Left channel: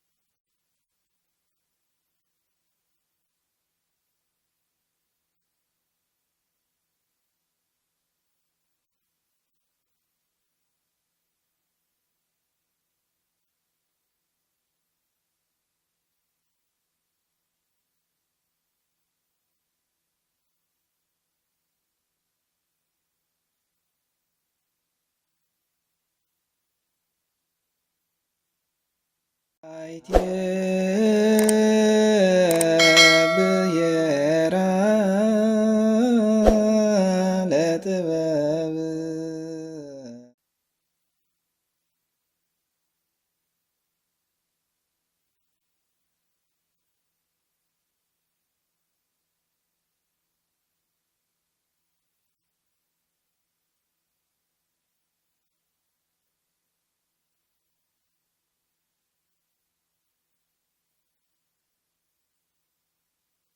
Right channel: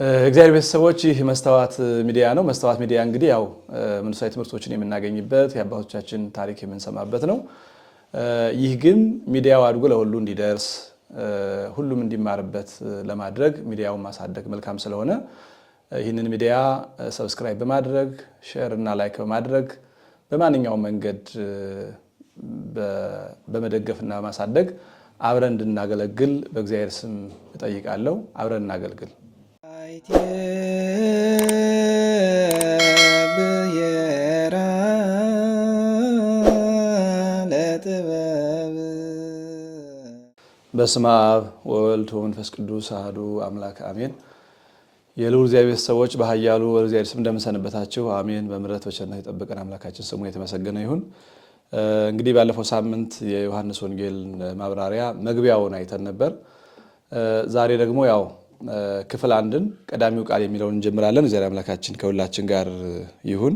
እግዚአብሔር ቤተሰቦች ይህ መስተዋት ሚዲያ ነው። መስተዋት ሚዲያ እንግዲህ ያው መንፈሳዊ ትምህርቶችን የምናገኝበት የአባቶቻችን ታሪክ የምንሰማበት ነው። ይህ ግን ሚዲያው አድጎ ለሁሉ እንዲደርስ ሁሉም እንዲማርበት ለማድረግ ሚዲያውን ማሳደግ መልካም ስለሆነ ይህንን ሚዲያ ሰብስክራይብ በማድረግ ሼር እና ላይክ በማድረግ በማንኛውም መንገድ በመደገፍና ማሳደግ አብረን እንድናገለግል በእግዚአብሔር ስም እጠይቃለሁ። አብረን እናገልግል። በስመ አብ ወወልድ ወመንፈስ ቅዱስ አሐዱ አምላክ አሜን። የልዑል እግዚአብሔር ሰዎች በኃያሉ እግዚአብሔር ስም እንደምንሰነበታችሁ አሜን። በምሕረት በቸርነት የጠበቀን አምላካችን ስሙ የተመሰገነ ይሁን። እንግዲህ ባለፈው ሳምንት የዮሐንስ ወንጌል ማብራሪያ መግቢያውን አይተን ነበር። ዛሬ ደግሞ ያው ክፍል አንድን ቀዳሚው ቃል የሚለውን እንጀምራለን። እግዚአብሔር አምላካችን ከሁላችን ጋር ይሁን።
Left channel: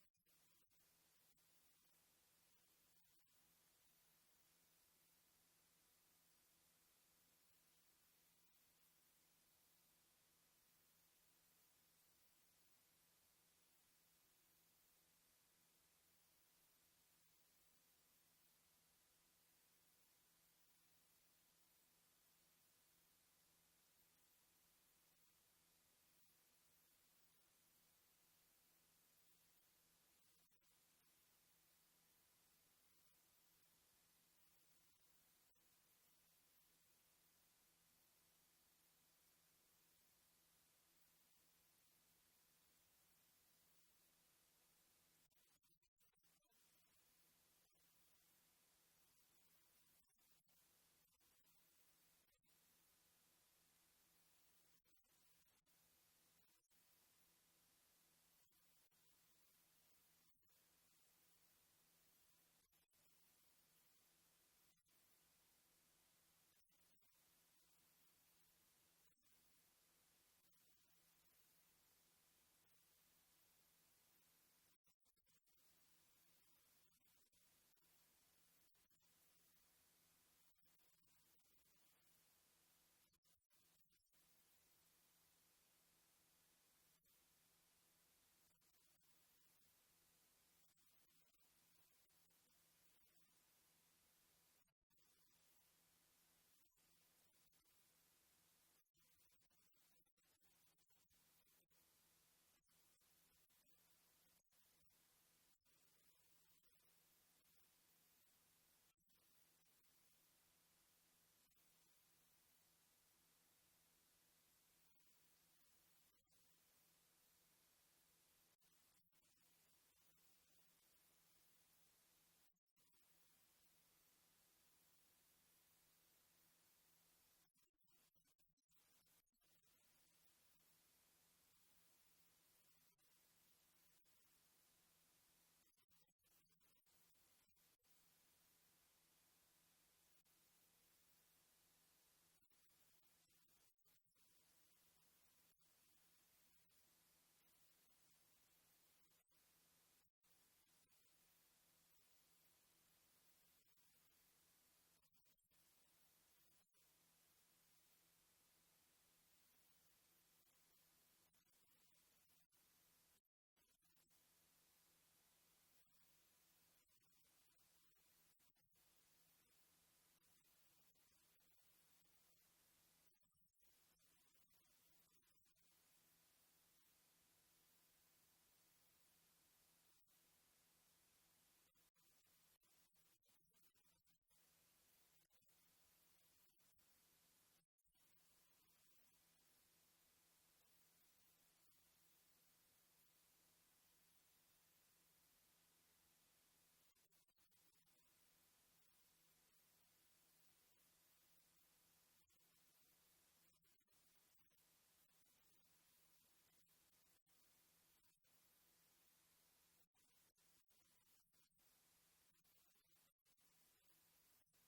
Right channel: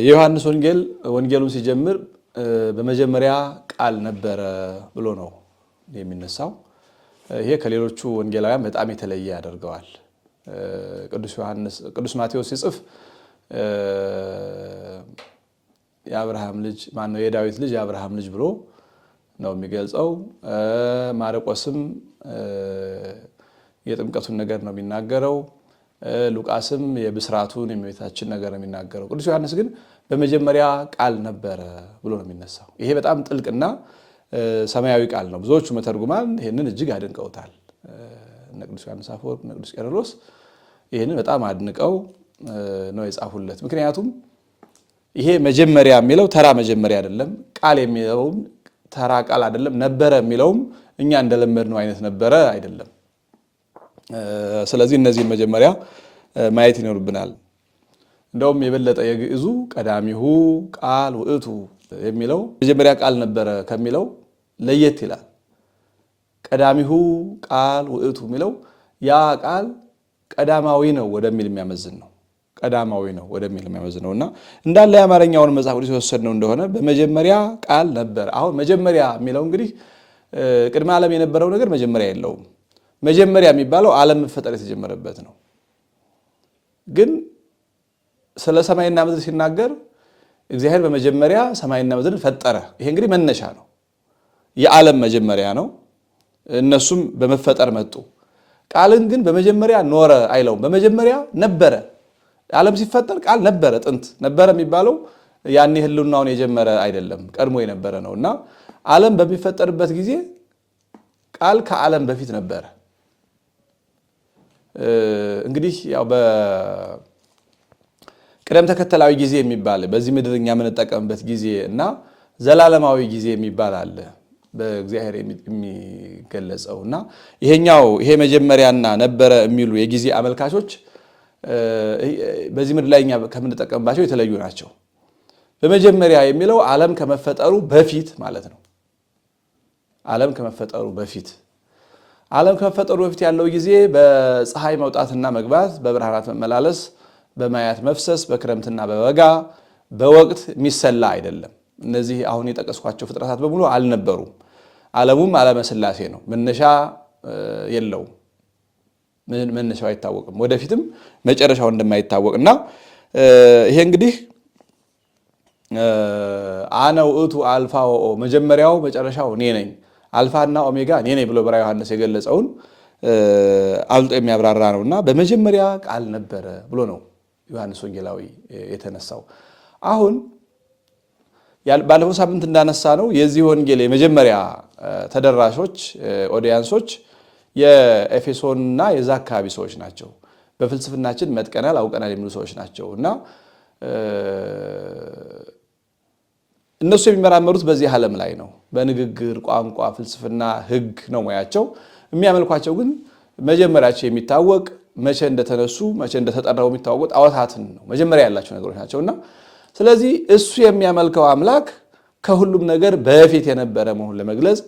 የዮሐንስ ወንጌሉን ሲጀምር በመጀመሪያ ቃል ነበረ ብሎ ነው የሚነሳው። ይሄ ከሌሎቹ ወንጌላውያን በጣም የተለየ ያደርገዋል። ቅዱስ ማቴዎስ ሲጽፍ የአብርሃም ልጅ ማነው የዳዊት ልጅ የአብርሃም ልጅ ብሎ ነው የሚገልጸው። ማርቆስም የጥምቀቱን ነገር ነው የሚናገረው። ሉቃስም የብስራቱን የእመቤታችን ነገር ነው የሚናገረው። ቅዱስ ዮሐንስ ግን በመጀመሪያ ቃል ነበረ ብሎ ነው የሚነሳው። ይሄ በጣም ጥልቅና ሰማያዊ ቃል ነው። ብዙዎቹ መተርጉማን ይህንን እጅግ አድንቀውታል። እነ ቅዱስ ዮሐንስ አፈወርቅ፣ እነ ቅዱስ ቄርሎስ ይህንን በጣም አድንቀው ነው የጻፉለት። ምክንያቱም ይሄ መጀመሪያ የሚለው ተራ መጀመሪያ አይደለም። ቃል የሚለውም ተራ ቃል አይደለም። ነበረ የሚለውም እኛ እንደለመድነው አይነት ነበረ አይደለም። ስለዚህ እነዚህን መጀመሪያ ማየት ይኖርብናል። እንደውም የበለጠ የግዕዙ ቀዳሚሁ ቃል ውእቱ የሚለው መጀመሪያ ቃል ነበረ ከሚለው ለየት ይላል። ቀዳሚሁ ቃል ውእቱ የሚለው ያ ቃል ቀዳማዊ ነው ወደሚል የሚያመዝን ነው። ቀዳማዊ ነው ወደሚል የሚያመዝን ነው እና እንዳለ የአማርኛውን መጽሐፍ ቅዱስ የወሰድነው እንደሆነ በመጀመሪያ ቃል ነበረ። አሁን መጀመሪያ የሚለው እንግዲህ ቅድመ ዓለም የነበረው ነገር መጀመሪያ የለውም። መጀመሪያ የሚባለው ዓለም መፈጠር የተጀመረበት ነው። ግን ስለ ሰማይና ምድር ሲናገር እግዚአብሔር በመጀመሪያ ሰማይና ምድርን ፈጠረ። ይሄ እንግዲህ መነሻ ነው። የዓለም መጀመሪያ ነው። እነሱም በመፈጠር መጡ። ቃልን ግን በመጀመሪያ ኖረ አይለውም። በመጀመሪያ ነበረ። ዓለም ሲፈጠር ቃል ነበረ። ጥንት ነበረ የሚባለው ያኔ ህልውናውን የጀመረ አይደለም፣ ቀድሞ የነበረ ነው እና ዓለም በሚፈጠርበት ጊዜ ቃል ከዓለም በፊት ነበረ። እንግዲህ ያው በቅደም ተከተላዊ ጊዜ የሚባል በዚህ ምድር እኛ የምንጠቀምበት ጊዜ እና ዘላለማዊ ጊዜ የሚባል አለ በእግዚአብሔር የሚገለጸው እና ይሄ መጀመሪያና ነበረ የሚሉ የጊዜ አመልካቾች በዚህ ምድር ላይ እኛ ከምንጠቀምባቸው የተለዩ ናቸው። በመጀመሪያ የሚለው ዓለም ከመፈጠሩ በፊት ማለት ነው። ዓለም ከመፈጠሩ በፊት ያለው ጊዜ በፀሐይ መውጣትና መግባት፣ በብርሃናት መመላለስ፣ በማያት መፍሰስ፣ በክረምትና በበጋ በወቅት የሚሰላ አይደለም። እነዚህ አሁን የጠቀስኳቸው ፍጥረታት በሙሉ አልነበሩም። ዓለሙም ዓለመ ሥላሴ ነው። መነሻ የለውም። መነሻው አይታወቅም። ወደፊትም መጨረሻው እንደማይታወቅ እና ይሄ እንግዲህ አነ ውእቱ አልፋ ወኦ መጀመሪያው መጨረሻው እኔ ነኝ፣ አልፋና ኦሜጋ እኔ ነኝ ብሎ በራዕየ ዮሐንስ የገለጸውን አብልጦ የሚያብራራ ነው እና በመጀመሪያ ቃል ነበረ ብሎ ነው ዮሐንስ ወንጌላዊ የተነሳው። አሁን ባለፈው ሳምንት እንዳነሳ ነው የዚህ ወንጌል የመጀመሪያ ተደራሾች ኦዲያንሶች የኤፌሶንና የዛ አካባቢ ሰዎች ናቸው። በፍልስፍናችን መጥቀናል አውቀናል የሚሉ ሰዎች ናቸው እና እነሱ የሚመራመሩት በዚህ ዓለም ላይ ነው። በንግግር ቋንቋ፣ ፍልስፍና፣ ሕግ ነው ሙያቸው። የሚያመልኳቸው ግን መጀመሪያቸው የሚታወቅ መቼ እንደተነሱ መቼ እንደተጠራው የሚታወቁ ጣዖታትን ነው። መጀመሪያ ያላቸው ነገሮች ናቸውና ስለዚህ እሱ የሚያመልከው አምላክ ከሁሉም ነገር በፊት የነበረ መሆኑን ለመግለጽ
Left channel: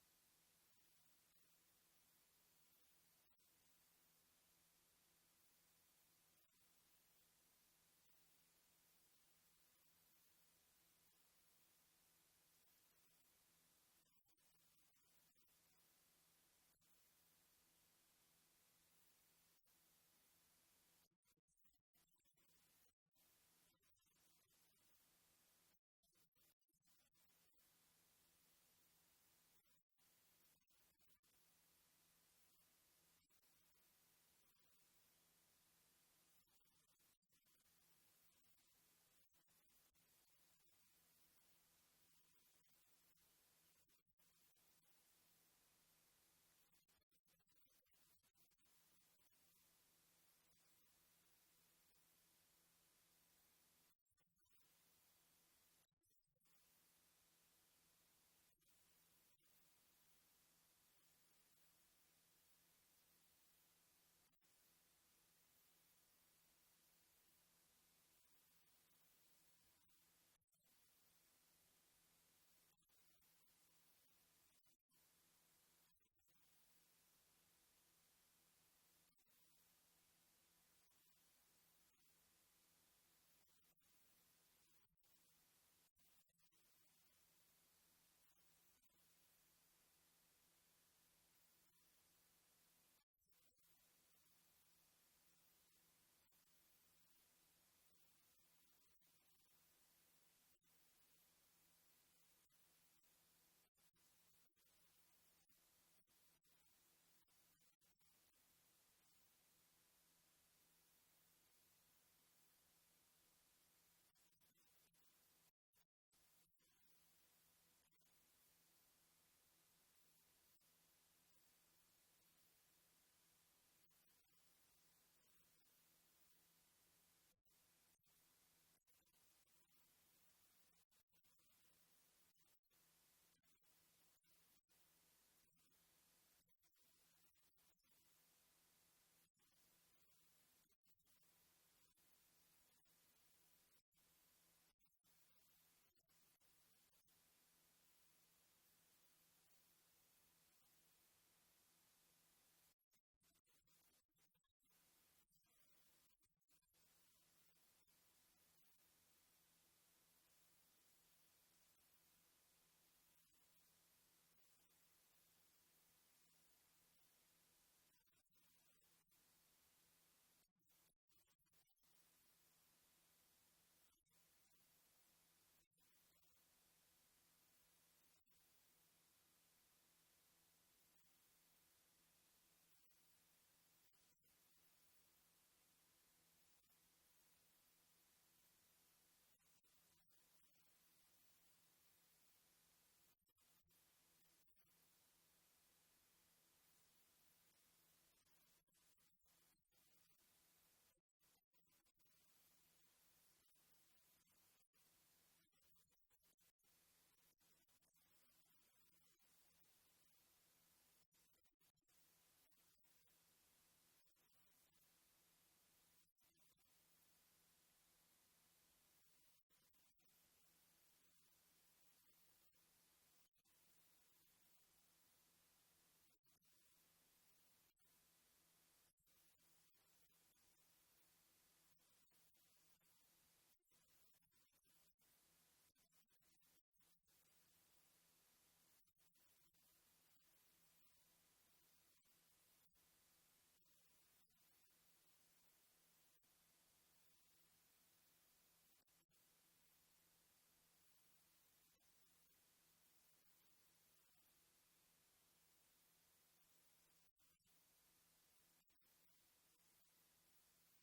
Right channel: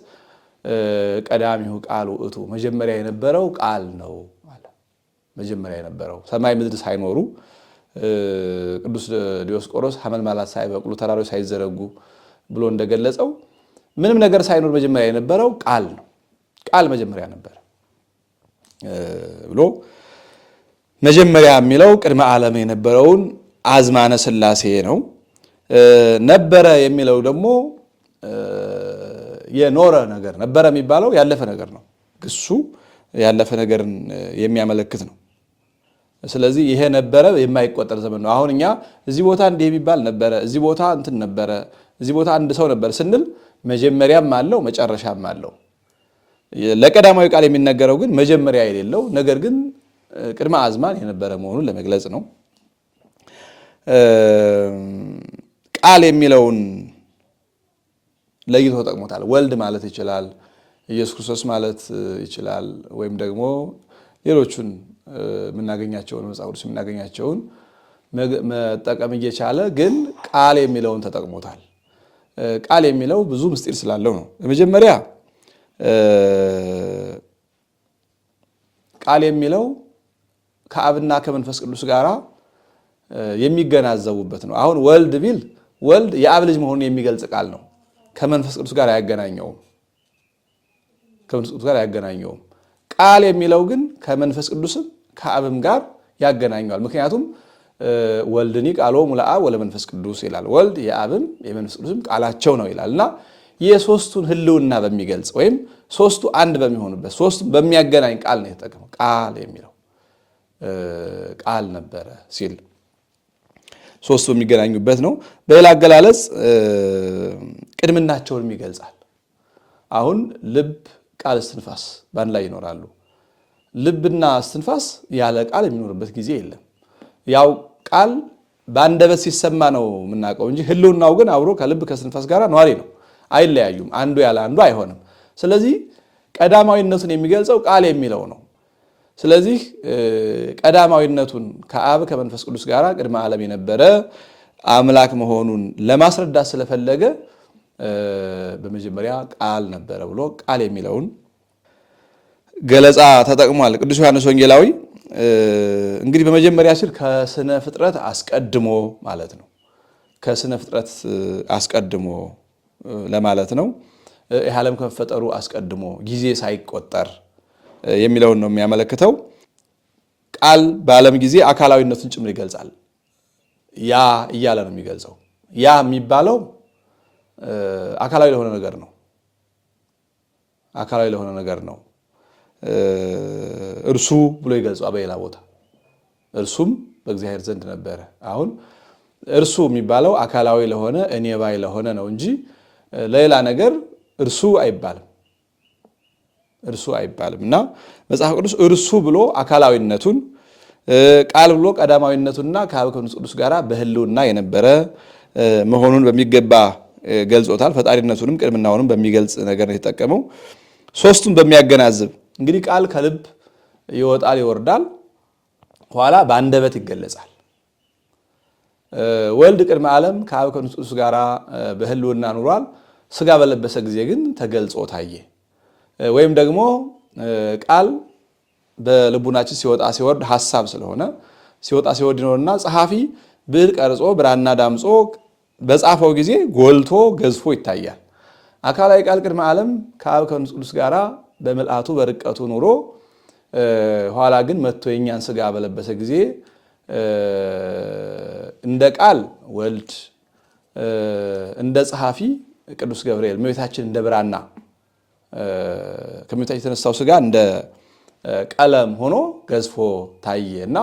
ቀዳሚው ቃል ውእቱ መጀመሪያ የነበረው ቃል ነው ማለት። መጀመሪያ የነበረው ሰማይ ምድር ሳይኖሩ ቅዱስ ዲዮስቆሮስ ሐመልማላት ሳይበቅሉ ተራሮች ሳይዘረጉ ብሎ እንደገለጸው ምንም ነገር ሳይኖር መጀመሪያ የነበረው ቃል ነው። ቃል መጀመሪያ ነበር ብሎ መጀመሪያ የሚለው ቅድመ ዓለም የነበረውን አዝማነ ሥላሴ ነው። ነበረ የሚለው ደግሞ የኖረ ነገር ነበረ የሚባለው ያለፈ ነገር ነው። ግሱ ያለፈ ነገርን የሚያመለክት ነው። ስለዚህ ይሄ ነበረ የማይቆጠር ዘመን ነው። አሁን እኛ እዚህ ቦታ እንዲህ የሚባል ነበረ፣ እዚህ ቦታ እንትን ነበረ፣ እዚህ ቦታ አንድ ሰው ነበር ስንል መጀመሪያም አለው መጨረሻም አለው። ለቀዳማዊ ቃል የሚነገረው ግን መጀመሪያ የሌለው ነገር ግን ቅድመ አዝማን የነበረ መሆኑን ለመግለጽ ነው። ቃል የሚለውን ለይቶ ተጠቅሞታል። ወልድ ማለት ይችላል፣ ኢየሱስ ክርስቶስ ማለት ይችላል፣ ወይም ደግሞ ሌሎቹን የምናገኛቸውን መጽሐፍ ቅዱስ የምናገኛቸውን መጠቀም እየቻለ ግን ቃል የሚለውን ተጠቅሞታል። ቃል የሚለው ብዙ ምስጢር ስላለው ነው። በመጀመሪያ ቃል የሚለው ከአብና ከመንፈስ ቅዱስ ጋር የሚገናዘቡበት ነው። አሁን ወልድ ቢል ወልድ የአብ ልጅ መሆኑን የሚገልጽ ቃል ነው። ከመንፈስ ቅዱስ ጋር አያገናኘውም። ከመንፈስ ቅዱስ ጋር አያገናኘውም። ቃል የሚለው ግን ከመንፈስ ቅዱስም ከአብም ጋር ያገናኘዋል። ምክንያቱም ወልድኒ ቃሎሙ ለአብ ወለመንፈስ ቅዱስ ይላል። ወልድ የአብም የመንፈስ ቅዱስም ቃላቸው ነው ይላል እና የሶስቱን ህልውና በሚገልጽ ወይም ሶስቱ አንድ በሚሆኑበት ሶስቱ በሚያገናኝ ቃል ነው የተጠቀመው። ቃል የሚለው ቃል ነበረ ሲል ሶስቱ በሚገናኙበት ነው። በሌላ አገላለጽ ቅድምናቸውን ይገልጻል። አሁን ልብ፣ ቃል፣ እስትንፋስ በአንድ ላይ ይኖራሉ። ልብና እስትንፋስ ያለ ቃል የሚኖርበት ጊዜ የለም። ያው ቃል በአንደበት ሲሰማ ነው የምናውቀው እንጂ ህልውናው ግን አብሮ ከልብ ከእስትንፋስ ጋር ነዋሪ ነው። አይለያዩም። አንዱ ያለ አንዱ አይሆንም። ስለዚህ ቀዳማዊነቱን የሚገልጸው ቃል የሚለው ነው። ስለዚህ ቀዳማዊነቱን ከአብ ከመንፈስ ቅዱስ ጋር ቅድመ ዓለም የነበረ አምላክ መሆኑን ለማስረዳት ስለፈለገ በመጀመሪያ ቃል ነበረ ብሎ ቃል የሚለውን ገለጻ ተጠቅሟል ቅዱስ ዮሐንስ ወንጌላዊ። እንግዲህ በመጀመሪያ ሲል ከስነ ፍጥረት አስቀድሞ ማለት ነው። ከስነ ፍጥረት አስቀድሞ ለማለት ነው። ይህ ዓለም ከመፈጠሩ አስቀድሞ ጊዜ ሳይቆጠር የሚለውን ነው የሚያመለክተው። ቃል በዓለም ጊዜ አካላዊነቱን ጭምር ይገልጻል። ያ እያለ ነው የሚገልጸው። ያ የሚባለው አካላዊ ለሆነ ነገር ነው። አካላዊ ለሆነ ነገር ነው። እርሱ ብሎ ይገልጸዋል በሌላ ቦታ። እርሱም በእግዚአብሔር ዘንድ ነበረ። አሁን እርሱ የሚባለው አካላዊ ለሆነ እኔ ባይ ለሆነ ነው እንጂ ለሌላ ነገር እርሱ አይባልም። እርሱ አይባልም እና መጽሐፍ ቅዱስ እርሱ ብሎ አካላዊነቱን፣ ቃል ብሎ ቀዳማዊነቱንና ከአብ ከመንፈስ ቅዱስ ጋር በህልውና የነበረ መሆኑን በሚገባ ገልጾታል። ፈጣሪነቱንም ቅድምናውንም በሚገልጽ ነገር ነው የተጠቀመው። ሶስቱን በሚያገናዝብ እንግዲህ ቃል ከልብ ይወጣል ይወርዳል፣ ኋላ በአንደበት ይገለጻል። ወልድ ቅድመ ዓለም ከአብ ከመንፈስ ቅዱስ ጋር በህልውና ኑሯል። ስጋ በለበሰ ጊዜ ግን ተገልጾ ታየ። ወይም ደግሞ ቃል በልቡናችን ሲወጣ ሲወርድ ሐሳብ ስለሆነ ሲወጣ ሲወርድ ይኖርና ጸሐፊ ብዕር ቀርጾ ብራና ዳምጾ በጻፈው ጊዜ ጎልቶ ገዝፎ ይታያል። አካላዊ ቃል ቅድመ ዓለም ከአብ ከመንፈስ ቅዱስ ጋር በምልአቱ በርቀቱ ኑሮ ኋላ ግን መጥቶ የኛን ስጋ በለበሰ ጊዜ እንደ ቃል ወልድ፣ እንደ ጸሐፊ ቅዱስ ገብርኤል፣ እመቤታችን እንደ ብራና ከእመቤታችን የተነሳው ስጋ እንደ ቀለም ሆኖ ገዝፎ ታየ እና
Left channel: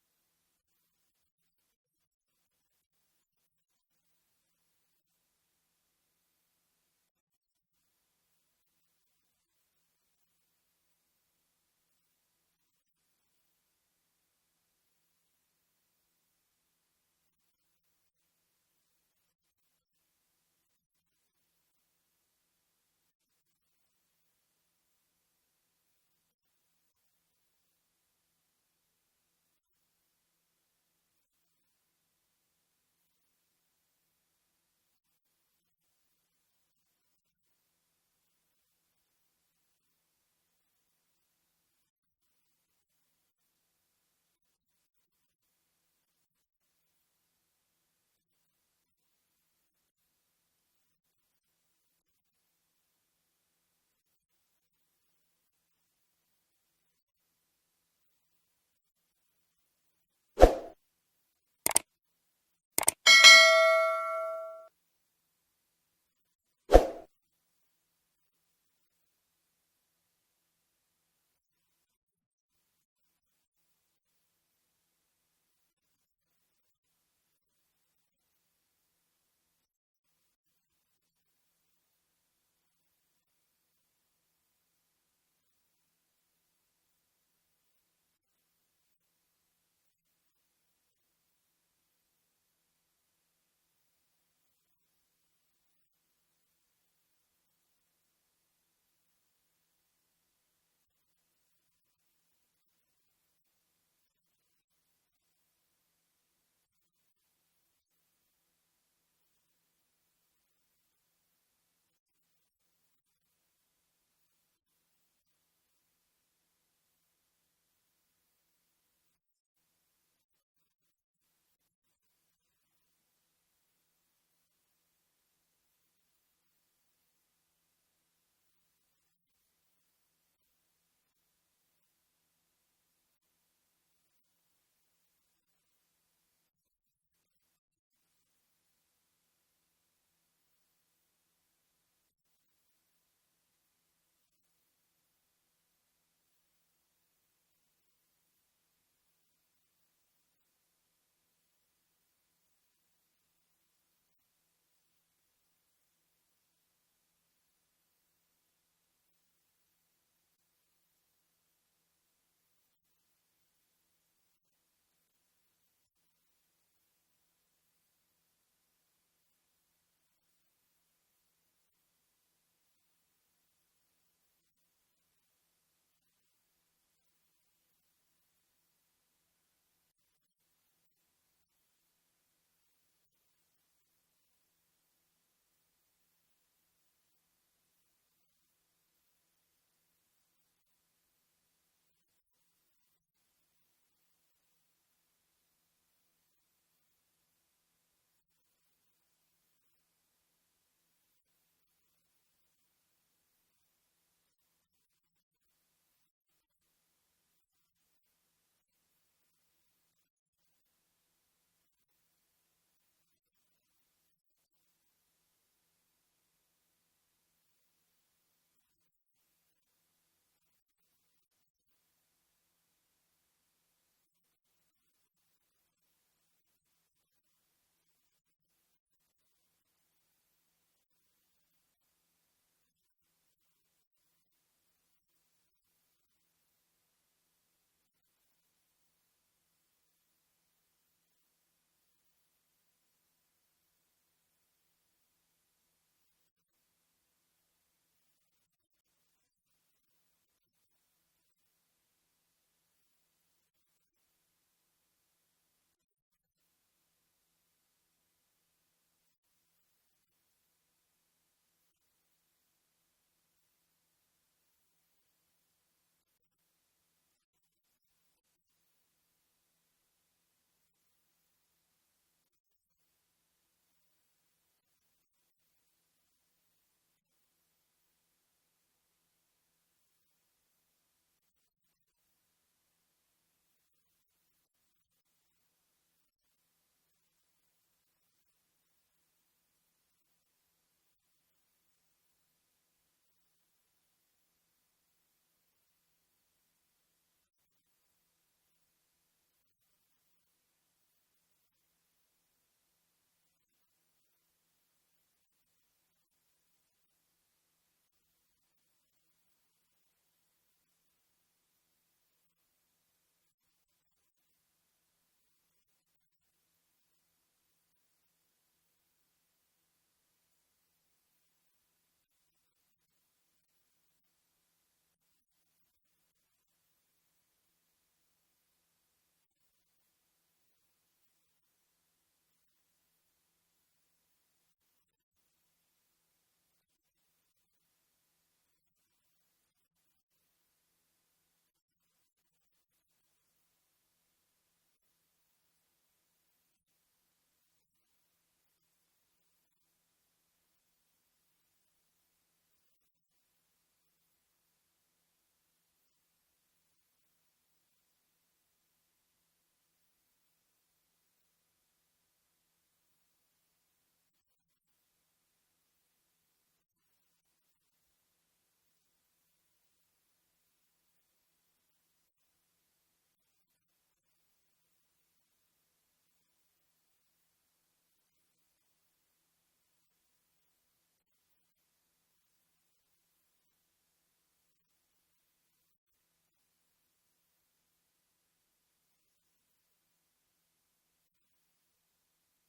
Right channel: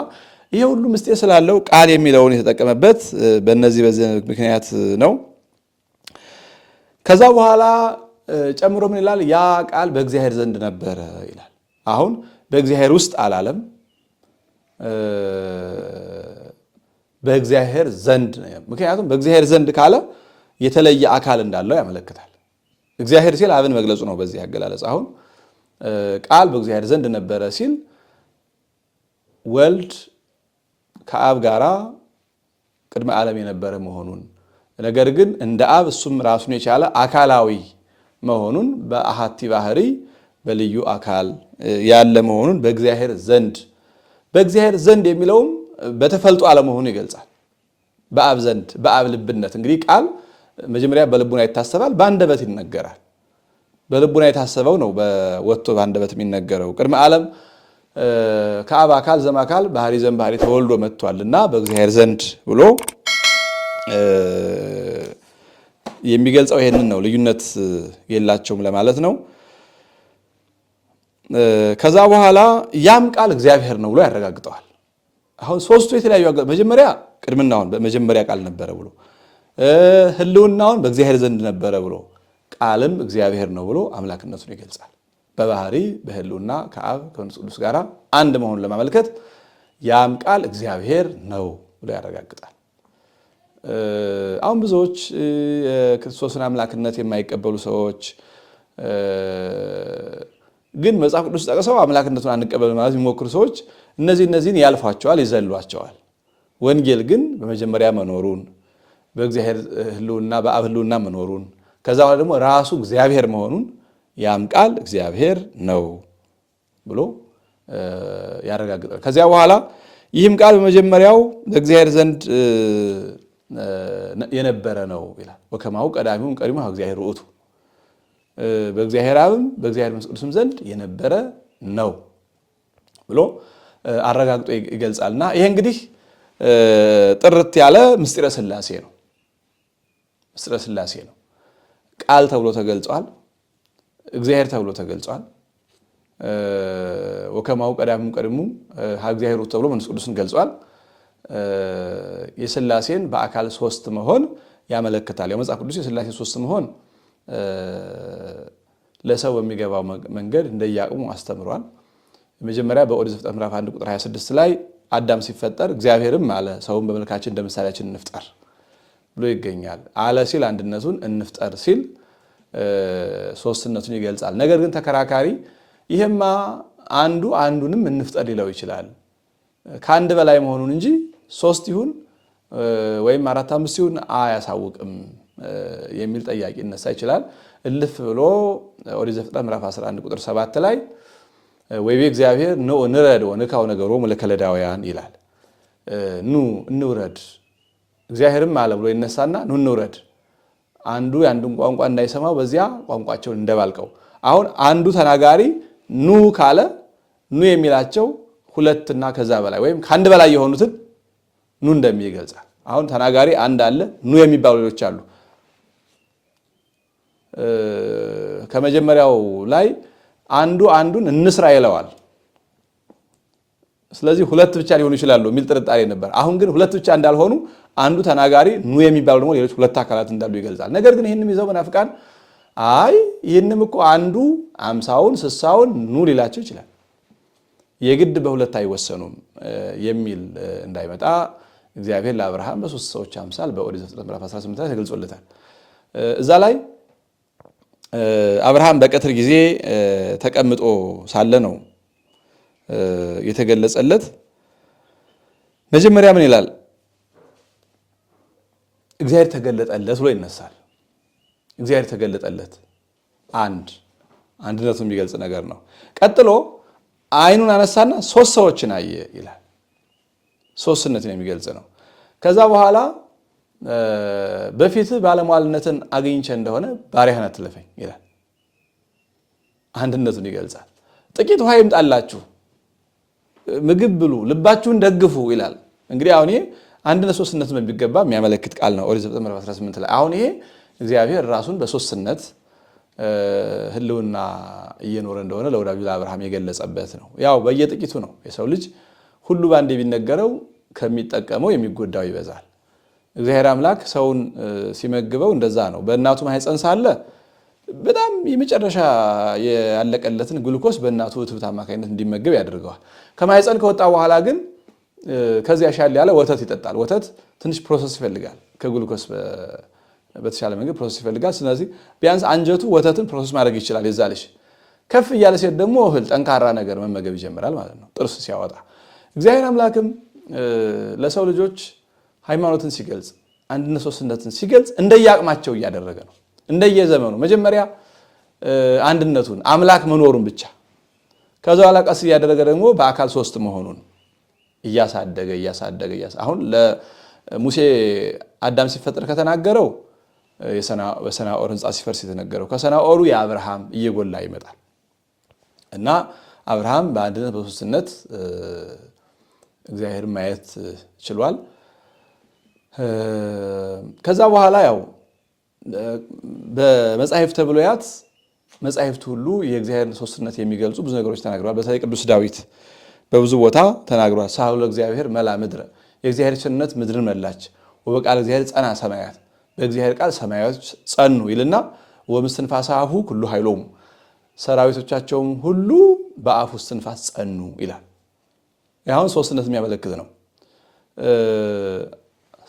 ይሄ ሁሉ ምስጢር ስላለው ቃል የሚለውን የተጠቀመበት በእነዚህ በዚህ ምክንያት ነው። ከዛ በኋላ ጨምሮ ምን ይላል? ያ ቃል በእግዚአብሔር ዘንድ ነበረ ይላል። አሁን በእግዚአብሔር ውስጥ አላለም፣ በእግዚአብሔር ዘንድ ነው። ምክንያቱም በእግዚአብሔር ዘንድ ካለ የተለየ አካል እንዳለው ያመለክታል። እግዚአብሔር ሲል አብን መግለጹ ነው በዚህ አገላለጽ። አሁን ቃል በእግዚአብሔር ዘንድ ነበረ ሲል ወልድ ከአብ ጋራ ቅድመ ዓለም የነበረ መሆኑን፣ ነገር ግን እንደ አብ እሱም ራሱን የቻለ አካላዊ መሆኑን በአሐቲ ባህሪ በልዩ አካል ያለ መሆኑን በእግዚአብሔር ዘንድ የሚለውም በተፈልጦ አለመሆኑን ይገልጻል። በአብ ዘንድ በአብ ልብነት እንግዲህ ቃል መጀመሪያ በልቡና ይታሰባል፣ በአንደበት ይነገራል። በልቡና የታሰበው ነው ወጥቶ በአንደበት የሚነገረው። ቅድመ ዓለም ከአብ አካል ዘማካል ባህሪ ዘምባህሪ ተወልዶ መጥቷልና በእግዚአብሔር ዘንድ ብሎ የሚገልጸው ይሄንን ነው። ልዩነት የላቸውም ለማለት ነው። ከዛ በኋላ ያም ቃል እግዚአብሔር ነው ብሎ ያረጋግጠዋል። አሁን ሶስቱ የተለያዩ መጀመሪያ ቅድምናውን በመጀመሪያ ቃል ነበረ ብሎ ህልውናውን በእግዚአብሔር ዘንድ ነበረ ብሎ ቃልም እግዚአብሔር ነው ብሎ አምላክነቱን ይገልጻል። በባህሪ በህልውና ከአብ ከመንፈስ ቅዱስ ጋር አንድ መሆኑን ለማመልከት ያም ቃል እግዚአብሔር ነው ብሎ ያረጋግጣል። አሁን ብዙዎች የክርስቶስን አምላክነት የማይቀበሉ ሰዎች ግን መጽሐፍ ቅዱስ ጠቅሰው አምላክነቱን አንቀበል ማለት የሚሞክሩ ሰዎች እነዚህን ያልፏቸዋል፣ ይዘሏቸዋል። ወንጌል ግን በመጀመሪያ መኖሩን በእግዚአብሔር ህልውና በአብ ህልውና መኖሩን ከዛ በኋላ ደግሞ ራሱ እግዚአብሔር መሆኑን ያም ቃል እግዚአብሔር ነው ብሎ ያረጋግጣል። ከዚያ በኋላ ይህም ቃል በመጀመሪያው በእግዚአብሔር ዘንድ የነበረ ነው ይላል። ወከማሁ ቀዳሚው ቀዲሙ እግዚአብሔር ውእቱ በእግዚአብሔር አብም በእግዚአብሔር መንፈስ ቅዱስም ዘንድ የነበረ ነው ብሎ አረጋግጦ ይገልጻልና ይሄ እንግዲህ ጥርት ያለ ምስጢረ ሥላሴ ነው። ምስጢረ ሥላሴ ነው። ቃል ተብሎ ተገልጿል። እግዚአብሔር ተብሎ ተገልጿል። ወከማሁ ቀዳሚው ቀዲሙ እግዚአብሔር ውእቱ ተብሎ መንፈስ ቅዱስን ገልጿል። የሥላሴን በአካል ሶስት መሆን ያመለክታል። ያው መጽሐፍ ቅዱስ የሥላሴ ሶስት መሆን ለሰው በሚገባው መንገድ እንደያቅሙ አስተምሯል። መጀመሪያ በኦሪት ዘፍጥረት ምዕራፍ 1 ቁጥር 26 ላይ አዳም ሲፈጠር እግዚአብሔርም አለ ሰውን በመልካችን እንደ ምሳሌያችን እንፍጠር ብሎ ይገኛል። አለ ሲል አንድነቱን፣ እንፍጠር ሲል ሶስትነቱን ይገልጻል። ነገር ግን ተከራካሪ ይሄማ አንዱ አንዱንም እንፍጠር ሊለው ይችላል ከአንድ በላይ መሆኑን እንጂ ሶስት ይሁን ወይም አራት አምስት ይሁን አያሳውቅም የሚል ጥያቄ ይነሳ ይችላል። እልፍ ብሎ ኦሪት ዘፍጥረት ምዕራፍ 11 ቁጥር 7 ላይ ወይቤ እግዚአብሔር ኑ ንረድ ወንካው ነገሮሙ ለከለዳውያን ይላል። ኑ እንውረድ እግዚአብሔርም አለ ብሎ ይነሳና ኑ እንውረድ፣ አንዱ የአንዱን ቋንቋ እንዳይሰማው በዚያ ቋንቋቸውን እንደባልቀው። አሁን አንዱ ተናጋሪ ኑ ካለ ኑ የሚላቸው ሁለትና ከዛ በላይ ወይም ከአንድ በላይ የሆኑትን ኑ እንደሚል ይገልጻል። አሁን ተናጋሪ አንድ አለ፣ ኑ የሚባሉ ሌሎች አሉ። ከመጀመሪያው ላይ አንዱ አንዱን እንስራ ይለዋል። ስለዚህ ሁለት ብቻ ሊሆኑ ይችላሉ የሚል ጥርጣሬ ነበር። አሁን ግን ሁለት ብቻ እንዳልሆኑ አንዱ ተናጋሪ ኑ የሚባሉ ደግሞ ሌሎች ሁለት አካላት እንዳሉ ይገልጻል። ነገር ግን ይህንም ይዘው መናፍቃን አይ ይህንም እኮ አንዱ 50ውን 60ውን ኑ ሊላቸው ይችላል፣ የግድ በሁለት አይወሰኑም የሚል እንዳይመጣ እግዚአብሔር ለአብርሃም በሶስት ሰዎች አምሳል በኦሪት ዘፍጥረት ምዕራፍ 18 ላይ ተገልጾለታል። እዛ ላይ አብርሃም በቀትር ጊዜ ተቀምጦ ሳለ ነው የተገለጸለት። መጀመሪያ ምን ይላል? እግዚአብሔር ተገለጠለት ብሎ ይነሳል። እግዚአብሔር ተገለጠለት አንድነቱን የሚገልጽ ነገር ነው። ቀጥሎ አይኑን አነሳና ሶስት ሰዎችን አየ ይላል። ሶስትነትን የሚገልጽ ነው። ከዛ በኋላ በፊት ባለሟልነትን አግኝቼ እንደሆነ ባሪያህን አትለፈኝ ይላል። አንድነቱን ይገልጻል። ጥቂት ውሃ ይምጣላችሁ፣ ምግብ ብሉ፣ ልባችሁን ደግፉ ይላል። እንግዲህ አሁን ይሄ አንድነት ሶስትነትን በሚገባ የሚያመለክት ቃል ነው። ኦሪት ዘፍጥረት ምዕራፍ 18 ላይ አሁን ይሄ እግዚአብሔር ራሱን በሶስትነት ህልውና እየኖረ እንደሆነ ለወዳጁ ለአብርሃም የገለጸበት ነው። ያው በየጥቂቱ ነው። የሰው ልጅ ሁሉ ባንዴ ቢነገረው ከሚጠቀመው የሚጎዳው ይበዛል። እግዚአብሔር አምላክ ሰውን ሲመግበው እንደዛ ነው። በእናቱ ማህፀን ሳለ በጣም የመጨረሻ ያለቀለትን ግሉኮስ በእናቱ እትብት አማካኝነት እንዲመገብ ያደርገዋል። ከማህፀን ከወጣ በኋላ ግን ከዚያ ሻል ያለ ወተት ይጠጣል። ወተት ትንሽ ፕሮሰስ ይፈልጋል፣ ከግሉኮስ በተሻለ መንገድ ፕሮሰስ ይፈልጋል። ስለዚህ ቢያንስ አንጀቱ ወተትን ፕሮሰስ ማድረግ ይችላል። የዛ ልጅ ከፍ እያለ ሴት ደግሞ እህል ጠንካራ ነገር መመገብ ይጀምራል ማለት ነው፣ ጥርስ ሲያወጣ። እግዚአብሔር አምላክም ለሰው ልጆች ሃይማኖትን ሲገልጽ አንድነት ሶስትነትን ሲገልጽ እንደየአቅማቸው እያደረገ ነው፣ እንደየዘመኑ። መጀመሪያ አንድነቱን አምላክ መኖሩን ብቻ፣ ከዛ በኋላ ቀስ እያደረገ ደግሞ በአካል ሶስት መሆኑን እያሳደገ አሁን ለሙሴ አዳም ሲፈጠር ከተናገረው በሰናኦር ህንፃ ሲፈርስ የተነገረው ከሰናኦሩ የአብርሃም እየጎላ ይመጣል እና አብርሃም በአንድነት በሶስትነት እግዚአብሔርን ማየት ችሏል። ከዛ በኋላ ያው በመጻሕፍተ ብሉያት መጻሕፍት ሁሉ የእግዚአብሔርን ሶስትነት የሚገልጹ ብዙ ነገሮች ተናግረዋል። በተለይ ቅዱስ ዳዊት በብዙ ቦታ ተናግሯል። ሳህሉ ለእግዚአብሔር መላ ምድረ፣ የእግዚአብሔር ቸርነት ምድርን መላች። ወበቃል እግዚአብሔር ጸና ሰማያት፣ በእግዚአብሔር ቃል ሰማያት ጸኑ ይልና ወምስትንፋሰ አፉ ኩሉ ኃይሎሙ፣ ሰራዊቶቻቸውም ሁሉ በአፉ እስትንፋስ ጸኑ ይላል። ያሁን ሶስትነት የሚያመለክት ነው።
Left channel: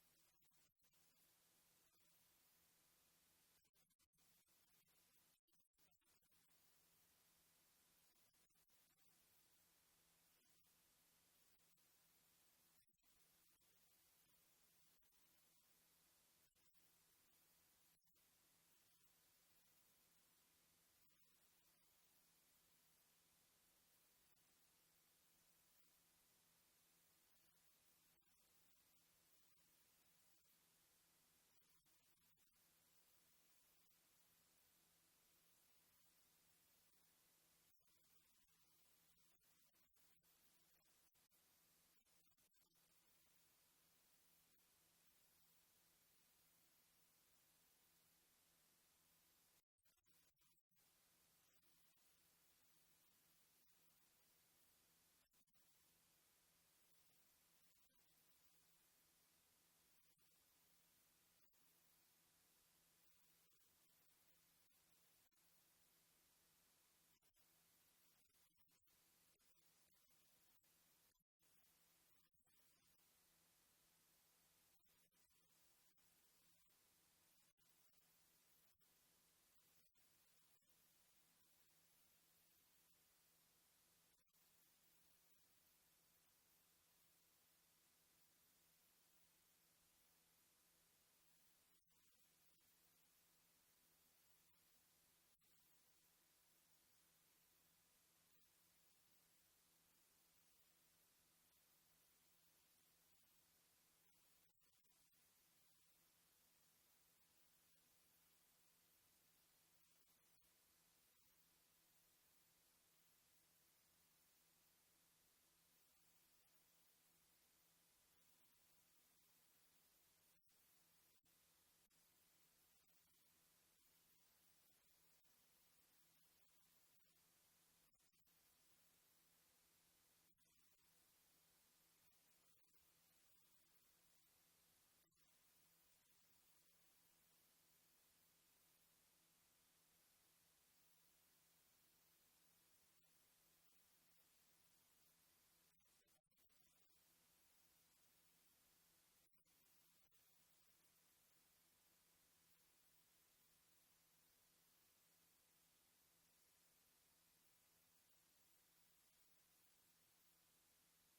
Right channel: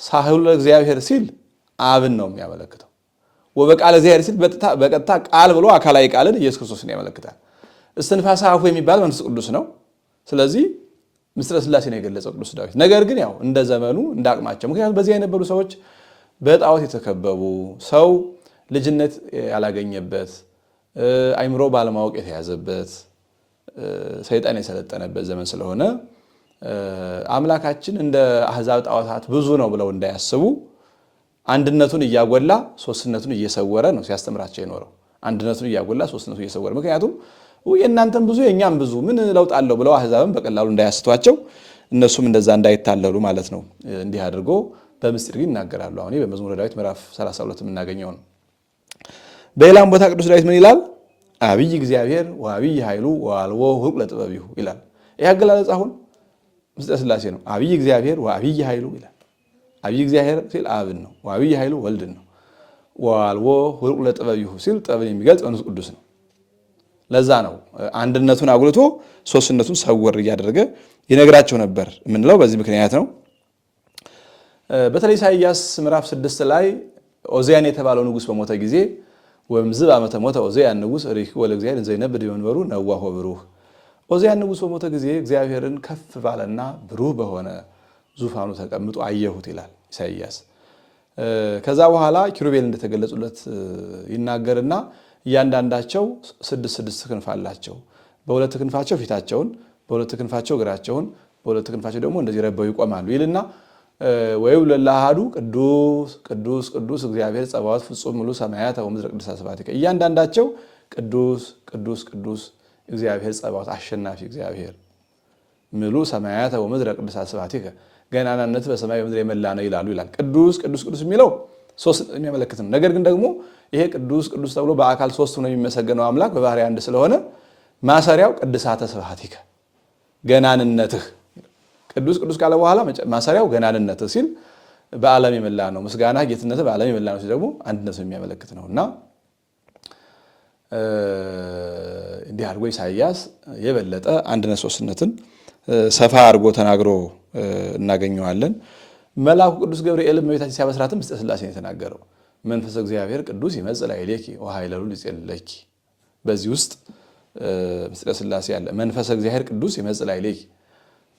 ሳህሉ ለእግዚአብሔር ሲል አብን ነው የሚያመለክተው። ወበቃል እግዚአብሔር ሲል በቀጥታ ቃል ብሎ አካላዊ ቃልን ኢየሱስ ክርስቶስን ያመለክታል። እስትንፋሰ አፉ የሚባል መንፈስ ቅዱስ ነው። ስለዚህ ምስጢረ ሥላሴ ነው የገለጸው ቅዱስ ዳዊት። ነገር ግን ያው እንደ ዘመኑ እንደ አቅማቸው፣ ምክንያቱም በዚህ የነበሩ ሰዎች በጣዖት የተከበቡ፣ ሰው ልጅነት ያላገኘበት፣ አይምሮ ባለማወቅ የተያዘበት፣ ሰይጣን የሰለጠነበት ዘመን ስለሆነ አምላካችን እንደ አሕዛብ ጣዖታት ብዙ ነው ብለው እንዳያስቡ አንድነቱን እያጎላ ሶስትነቱን እየሰወረ ነው ሲያስተምራቸው የኖረው። አንድነቱን እያጎላ ሶስትነቱን እየሰወረ፣ ምክንያቱም የእናንተም ብዙ የእኛም ብዙ ምን ለውጥ አለው ብለው አሕዛብን በቀላሉ እንዳያስቷቸው እነሱም እንደዛ እንዳይታለሉ ማለት ነው። እንዲህ አድርጎ በምስጢር ግን ይናገራሉ። አሁን በመዝሙረ ዳዊት ምዕራፍ 32 የምናገኘው ነው። በሌላም ቦታ ቅዱስ ዳዊት ምን ይላል? አብይ እግዚአብሔር ወአብይ ኃይሉ ወአልቦ ሁልቅ ለጥበቢሁ ይላል። ይህ አገላለጽ አሁን ምስጢረ ሥላሴ ነው። አብይ እግዚአብሔር ወአብይ ኃይሉ ይላል። አብይ እግዚአብሔር ሲል አብን ነው። ወአብይ ኃይሉ ወልድን ነው። ወአልቦ ሁልቅ ለጥበቢሁ ሲል ጥበብን የሚገልጽ መንፈስ ቅዱስ ነው። ለዛ ነው አንድነቱን አጉልቶ ሶስትነቱን ሰወር እያደረገ ይነግራቸው ነበር የምንለው በዚህ ምክንያት ነው። በተለይ ኢሳይያስ ምዕራፍ 6 ላይ ኦዚያን የተባለው ንጉሥ በሞተ ጊዜ ወምዝብ ዓመተ ሞተ ኦዚያን ንጉሥ ርኢኩ ለእግዚአብሔር እንዘ ይነብር በመንበሩ ነዋሖ ብሩህ። ኦዚያን ንጉሥ በሞተ ጊዜ እግዚአብሔርን ከፍ ባለና ብሩህ በሆነ ዙፋኑ ተቀምጦ አየሁት ይላል ኢሳይያስ። ከዛ በኋላ ኪሩቤል እንደተገለጹለት ይናገርና እያንዳንዳቸው 6 ክንፍ አላቸው። በሁለት ክንፋቸው ፊታቸውን፣ በሁለት ክንፋቸው እግራቸውን፣ በሁለት ክንፋቸው ደግሞ እንደዚህ ረበው ይቆማሉ ይልና ወይብሎ ለአሐዱ ቅዱስ ቅዱስ ቅዱስ እግዚአብሔር ጸባዖት ፍጹም ሙሉ ሰማያት ወምድረ ቅድሳት ስብሐቲከ። እያንዳንዳቸው ቅዱስ ቅዱስ ቅዱስ እግዚአብሔር ጸባዖት አሸናፊ እግዚአብሔር ሙሉ ሰማያት ወምድረ ቅድሳት ስብሐቲከ፣ ገናናነት በሰማይ በምድር የመላ ነው ይላሉ ይላል። ቅዱስ ቅዱስ ቅዱስ የሚለው ሶስት የሚያመለክት ነው። ነገር ግን ደግሞ ይሄ ቅዱስ ቅዱስ ተብሎ በአካል ሶስት ሆኖ የሚመሰገነው አምላክ በባህሪ አንድ ስለሆነ ማሰሪያው ቅድሳተ ስብሐቲከ ገናንነትህ። ቅዱስ ቅዱስ ካለ በኋላ ማሰሪያው ገናንነትህ ሲል በዓለም የመላ ነው። ምስጋና ጌትነትህ በዓለም የመላ ነው ሲል ደግሞ አንድነትን የሚያመለክት ነው እና እንዲህ አድርጎ ኢሳይያስ የበለጠ አንድነት ሶስትነትን ሰፋ አድርጎ ተናግሮ እናገኘዋለን። መልአኩ ቅዱስ ገብርኤል እመቤታችን ሲያበስራትም ምስጢረ ሥላሴን የተናገረው መንፈስ እግዚአብሔር ቅዱስ ይመጽእ ላዕሌኪ ወኃይለሉ ይጼልለኪ። በዚህ ውስጥ ምስጢረ ሥላሴ አለ። መንፈስ እግዚአብሔር ቅዱስ ይመጽእ ላዕሌኪ፣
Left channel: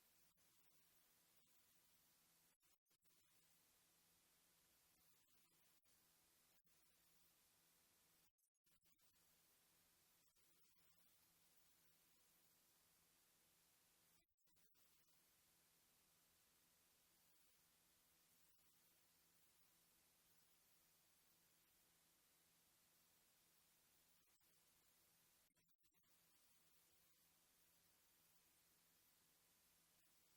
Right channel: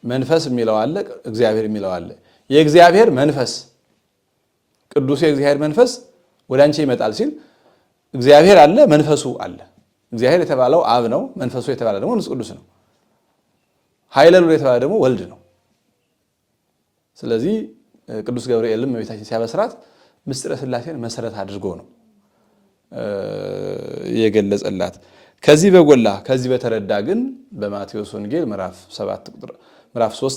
መንፈስ የሚለው አለ፣ እግዚአብሔር የሚለው አለ። የእግዚአብሔር መንፈስ ቅዱስ የእግዚአብሔር መንፈስ ወደ አንቺ ይመጣል ሲል እግዚአብሔር አለ፣ መንፈሱ አለ። እግዚአብሔር የተባለው አብ ነው። መንፈሱ የተባለ ደግሞ መንፈስ ቅዱስ ነው። ኃይለሉ የተባለ ደግሞ ወልድ ነው። ስለዚህ ቅዱስ ገብርኤልም እመቤታችን ሲያበስራት ምስጢረ ሥላሴን መሰረት አድርጎ ነው የገለጸላት። ከዚህ በጎላ ከዚህ በተረዳ ግን በማቴዎስ ወንጌል ምዕራፍ 3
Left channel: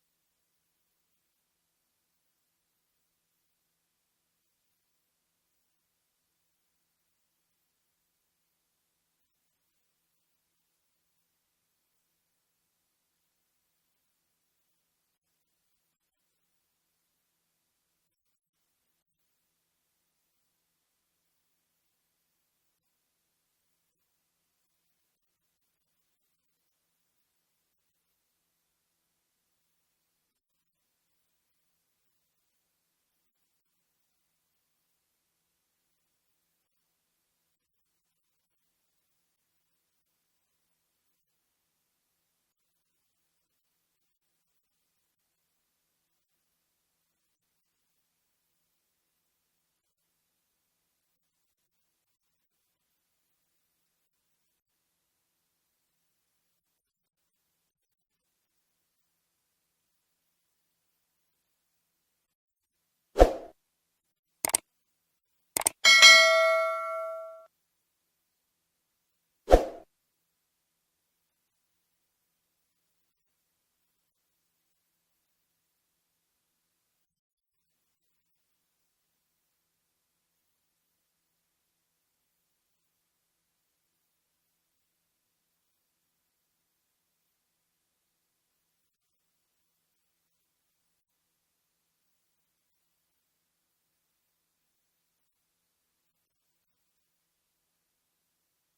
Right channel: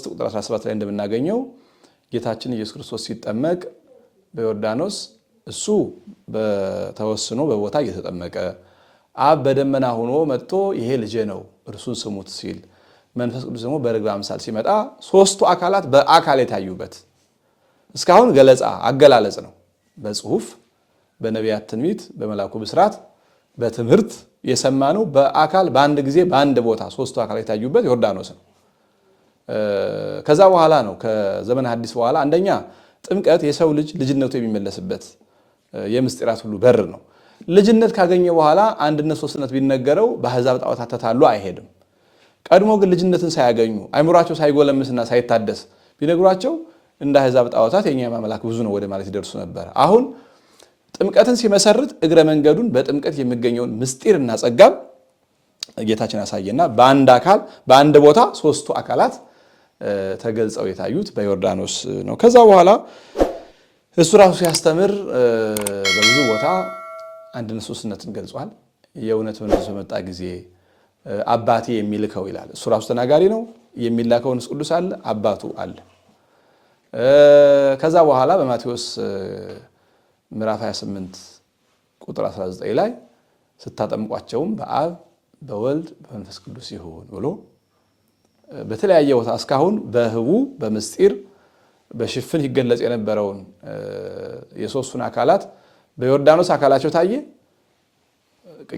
ቁጥር 17 ላይ እንደምናገኘው ጌታችን ኢየሱስ ክርስቶስ ሲጠመቅ በዮርዳኖስ እሱ በተወስኖ በቦታ እየተጠመቀ አብ በደመና ሆኖ መጥቶ ይሄ ልጄ ነው እርሱን ስሙት ሲል፣ መንፈስ ቅዱስ ደግሞ በርግብ አምሳል ሲመጣ ሶስቱ አካላት በአካል የታዩበት እስካሁን ገለጻ አገላለጽ ነው። በጽሁፍ በነቢያት ትንቢት በመልአኩ ብስራት በትምህርት የሰማነው በአካል በአንድ ጊዜ በአንድ ቦታ ሶስቱ አካል የታዩበት ዮርዳኖስ ነው። ከዛ በኋላ ነው ከዘመነ ሐዲስ በኋላ አንደኛ ጥምቀት የሰው ልጅ ልጅነቱ የሚመለስበት የምስጢራት ሁሉ በር ነው። ልጅነት ካገኘ በኋላ አንድነት ሶስትነት ቢነገረው በአሕዛብ ጣዖታት ተታሎ አይሄድም። ቀድሞ ግን ልጅነትን ሳያገኙ አይምሯቸው ሳይጎለምስና ሳይታደስ ቢነግሯቸው እንደ አሕዛብ ጣዖታት የኛ ማምላክ ብዙ ነው ወደ ማለት ይደርሱ ነበር። አሁን ጥምቀትን ሲመሰርት እግረ መንገዱን በጥምቀት የሚገኘውን ምስጢርና ጸጋም ጌታችን አሳየና በአንድ አካል በአንድ ቦታ ሶስቱ አካላት ተገልጸው የታዩት በዮርዳኖስ ነው። ከዛ በኋላ እሱ ራሱ ሲያስተምር በብዙ ቦታ አንድነት ሶስትነትን ገልጿል። የእውነት መንፈስ በመጣ ጊዜ አባቴ የሚልከው ይላል። እሱ ራሱ ተናጋሪ ነው። የሚላከው መንፈስ ቅዱስ አለ፣ አባቱ አለ። ከዛ በኋላ በማቴዎስ ምዕራፍ 28 ቁጥር 19 ላይ ስታጠምቋቸውም በአብ በወልድ በመንፈስ ቅዱስ ይሁን ብሎ በተለያየ ቦታ እስካሁን በህቡ በምስጢር በሽፍን ይገለጽ የነበረውን የሶስቱን አካላት በዮርዳኖስ አካላቸው ታየ።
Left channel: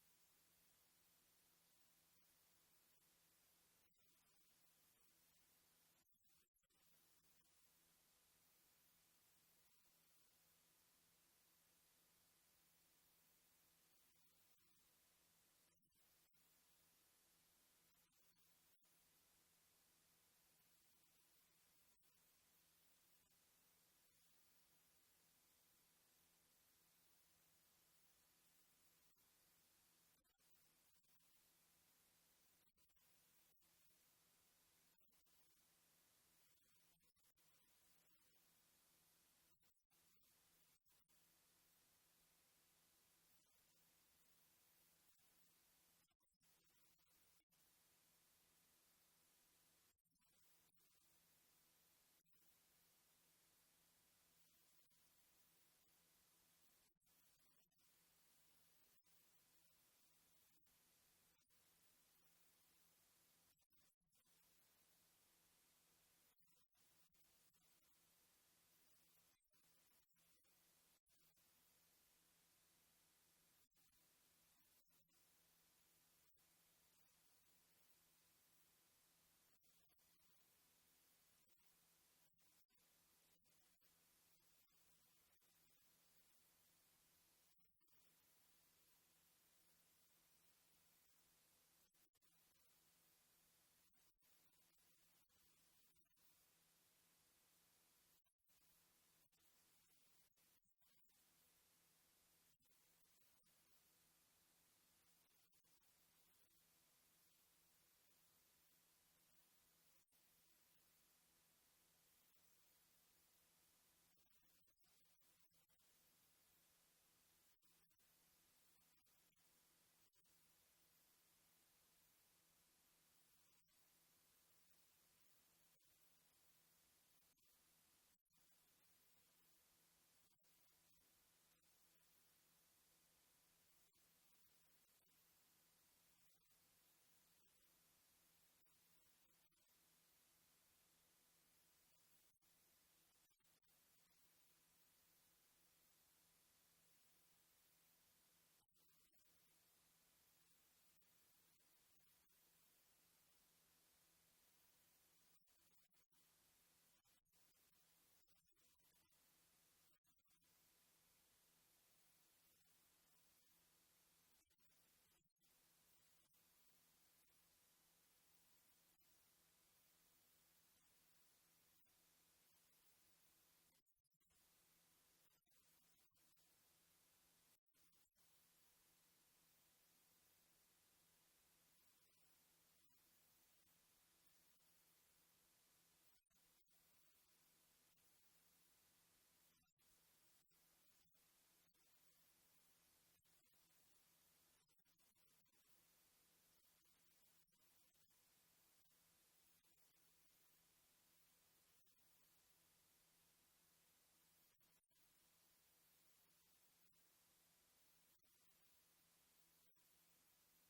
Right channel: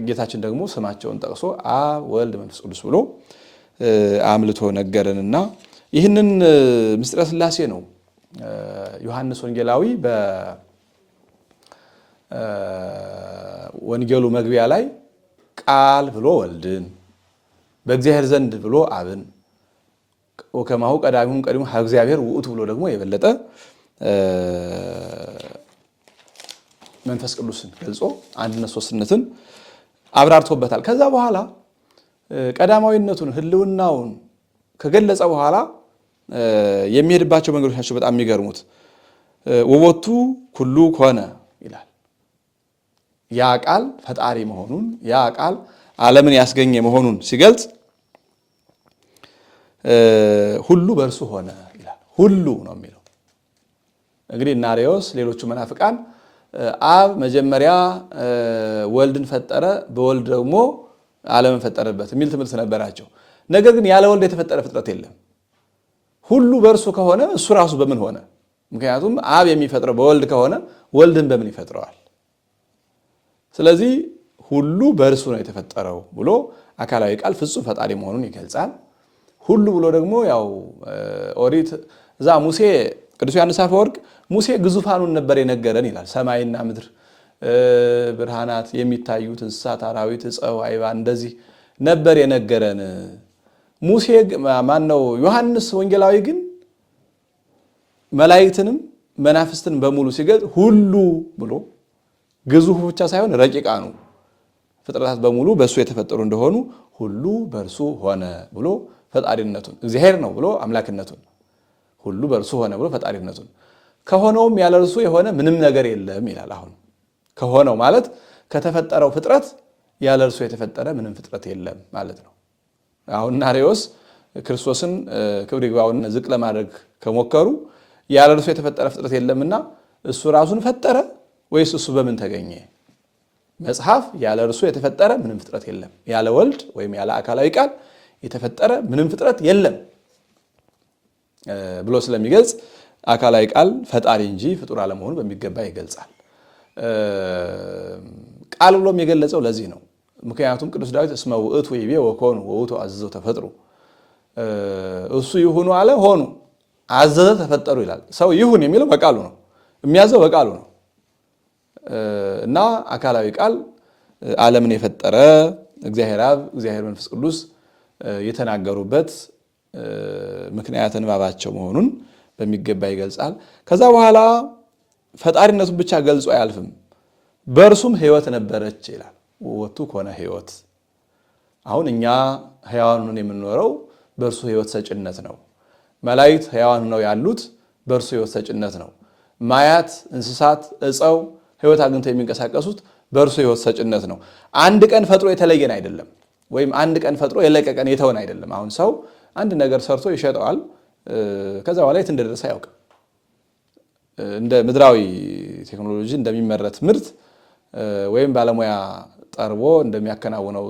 ጌታችን ደግሞ ስማቸውን ጠቅሶ አብ ወልድ መንፈስ ቅዱስ ብሎ አምልቶ ነገረንና ይህንን ምስጢረ ሥላሴ ነው ዮሐንስ ወንጌላዊ በወንጌሉ መግቢያ ላይ ቃል ብሎ ወልድን በእግዚአብሔር ዘንድ ብሎ አብን ወከማሁ ቀዳሚሁም ቀዲሙ እግዚአብሔር ውእቱ ብሎ ደግሞ የበለጠ መንፈስ ቅዱስን ገልጾ አንድነት ሶስትነትን አብራርቶበታል። ከዛ በኋላ ቀዳማዊነቱን ህልውናውን ከገለጸ በኋላ የሚሄድባቸው መንገዶች ናቸው በጣም የሚገርሙት። ወቦቱ ኩሉ ኮነ ይላል። ያ ቃል ፈጣሪ መሆኑን ያ ቃል ዓለምን ያስገኘ መሆኑን ሲገልጽ ሁሉ በእርሱ ሆነ ይላል። ሁሉ ነው የሚለው። እንግዲህ እነ አርዮስ ሌሎቹ መናፍቃን አብ መጀመሪያ ወልድን ፈጠረ፣ በወልድ ደግሞ ዓለምን ፈጠረበት የሚል ትምህርት ነበራቸው። ነገር ግን ያለ ወልድ የተፈጠረ ፍጥረት የለም። ሁሉ በእርሱ ከሆነ እሱ ራሱ በምን ሆነ? ምክንያቱም አብ የሚፈጥረው በወልድ ከሆነ ወልድን በምን ይፈጥረዋል? ስለዚህ ሁሉ በእርሱ ነው የተፈጠረው ብሎ አካላዊ ቃል ፍጹም ፈጣሪ መሆኑን ይገልጻል። ሁሉ ብሎ ደግሞ ያው ኦሪት እዛ ሙሴ ቅዱስ ዮሐንስ አፈወርቅ ሙሴ ግዙፋኑን ነበር የነገረን ይላል። ሰማይና ምድር ብርሃናት የሚታዩት እንስሳት፣ አራዊት፣ ዕፀው፣ አይባን እንደዚህ ነበር የነገረን። ሙሴ ማነው ዮሐንስ ወንጌላዊ ግን መላእክትንም መናፍስትን በሙሉ ሲገልጽ ሁሉ ብሎ ግዙፉ ብቻ ሳይሆን ረቂቃኑ ፍጥረታት በሙሉ በእሱ የተፈጠሩ እንደሆኑ ሁሉ በእርሱ ሆነ ብሎ ፈጣሪነቱን እግዚአብሔር ነው ብሎ አምላክነቱን ሁሉ በእርሱ ሆነ ብሎ ፈጣሪነቱን ከሆነውም ያለ እርሱ የሆነ ምንም ነገር የለም ይላል። አሁን ከሆነው ማለት ከተፈጠረው ፍጥረት ያለ እርሱ የተፈጠረ ምንም ፍጥረት የለም ማለት ነው። አሁን አርዮስ ክርስቶስን ክብር ይግባውና ዝቅ ለማድረግ ከሞከሩ ያለ እርሱ የተፈጠረ ፍጥረት የለምና እሱ ራሱን ፈጠረ ወይስ እሱ በምን ተገኘ? መጽሐፍ ያለ እርሱ የተፈጠረ ምንም ፍጥረት የለም፣ ያለ ወልድ ወይም ያለ አካላዊ ቃል የተፈጠረ ምንም ፍጥረት የለም ብሎ ስለሚገልጽ አካላዊ ቃል ፈጣሪ እንጂ ፍጡር አለመሆኑ በሚገባ ይገልጻል። ቃል ብሎም የገለጸው ለዚህ ነው። ምክንያቱም ቅዱስ ዳዊት እስመ ውእቱ ይቤ ወኮኑ ወውቱ አዘዘው ተፈጥሩ፣ እሱ ይሁኑ አለ ሆኑ፣ አዘዘ ተፈጠሩ ይላል። ሰው ይሁን የሚለው በቃሉ ነው፣ የሚያዘው በቃሉ ነው እና አካላዊ ቃል ዓለምን የፈጠረ እግዚአብሔር አብ እግዚአብሔር መንፈስ ቅዱስ የተናገሩበት ምክንያት ንባባቸው መሆኑን በሚገባ ይገልጻል። ከዛ በኋላ ፈጣሪነቱን ብቻ ገልጾ አያልፍም። በእርሱም ሕይወት ነበረች ይላል። ወቱ ኮነ ሕይወት። አሁን እኛ ሕያዋን ሆነን የምንኖረው በእርሱ ሕይወት ሰጭነት ነው። መላእክት ሕያዋን ሆነው ያሉት በእርሱ ሕይወት ሰጭነት ነው። ማያት፣ እንስሳት፣ ዕፀው ሕይወት አግኝተው የሚንቀሳቀሱት በእርሱ ሕይወት ሰጭነት ነው። አንድ ቀን ፈጥሮ የተለየን አይደለም፣ ወይም አንድ ቀን ፈጥሮ የለቀቀን የተወን አይደለም። አሁን ሰው አንድ ነገር ሰርቶ ይሸጠዋል፣ ከዛ በኋላ የት እንደደረሰ አያውቅም። እንደ ምድራዊ ቴክኖሎጂ እንደሚመረት ምርት ወይም ባለሙያ ጠርቦ እንደሚያከናውነው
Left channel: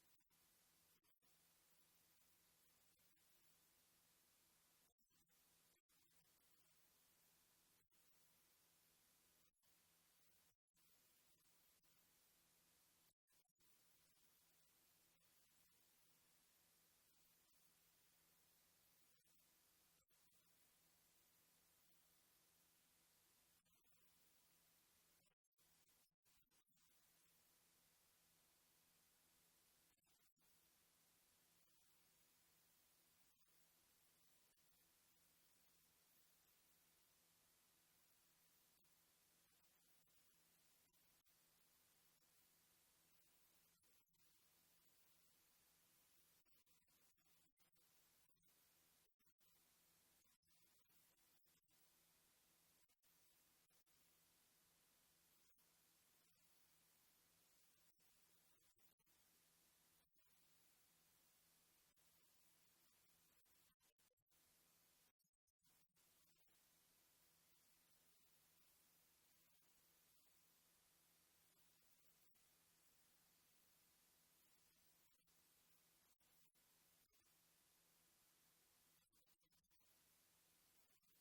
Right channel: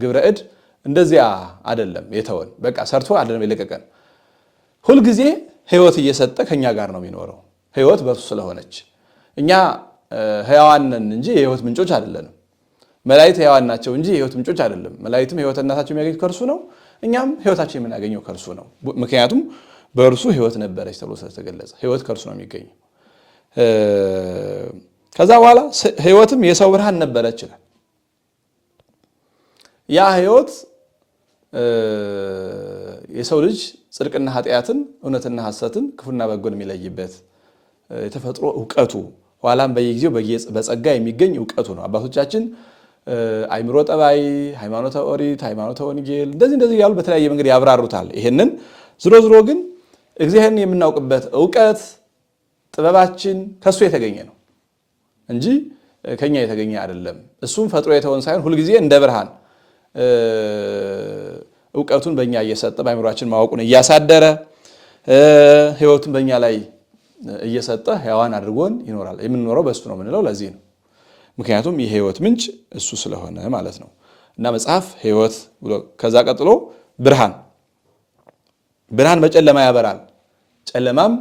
ግብረ እድ እንደዚያ አይደለም የተወን። በቃ ሰርቶ አይደለም የለቀቀን። ሁልጊዜ ሕይወት እየሰጠ ከኛ ጋር ነው የሚኖረው፣ ሕይወት በእርሱ ስለሆነች። እኛ ሕያዋን ነን እንጂ የሕይወት ምንጮች አይደለንም። መላእክት ሕያዋን ናቸው እንጂ የሕይወት ምንጮች አይደለም። መላእክትም ሕይወትነታቸው የሚያገኙት ከእርሱ ነው፣ እኛም ሕይወታችን የምናገኘው ከእርሱ ነው። ምክንያቱም በእርሱ ሕይወት ነበረች ተብሎ ስለተገለጸ ሕይወት ከእርሱ ነው የሚገኘው። ከዛ በኋላ ሕይወትም የሰው ብርሃን ነበረች ይላል። ያ ሕይወት የሰው ልጅ ጽድቅና ኃጢአትን፣ እውነትና ሐሰትን፣ ክፉና በጎን የሚለይበት የተፈጥሮ እውቀቱ ኋላም በየጊዜው በጸጋ የሚገኝ እውቀቱ ነው። አባቶቻችን አይምሮ ጠባይ፣ ሃይማኖተ ኦሪት፣ ሃይማኖተ ወንጌል እንደዚህ ያሉ በተለያየ መንገድ ያብራሩታል። ይሄንን ዝሮ ግን እግዚአብሔርን የምናውቅበት እውቀት ጥበባችን ከሱ የተገኘ ነው እንጂ ከኛ የተገኘ አይደለም። እሱም ፈጥሮ የተወን ሳይሆን ሁልጊዜ እንደ ብርሃን እውቀቱን በእኛ እየሰጠ በአእምሯችን ማወቁን እያሳደረ ሕይወቱን በእኛ ላይ እየሰጠ ሕያዋን አድርጎን ይኖራል። የምንኖረው በእሱ ነው የምንለው ለዚህ ነው። ምክንያቱም የሕይወት ምንጭ እሱ ስለሆነ ማለት ነው። እና መጽሐፍ ሕይወት ብሎ ከዛ ቀጥሎ ብርሃን በጨለማ ያበራል፣ ጨለማም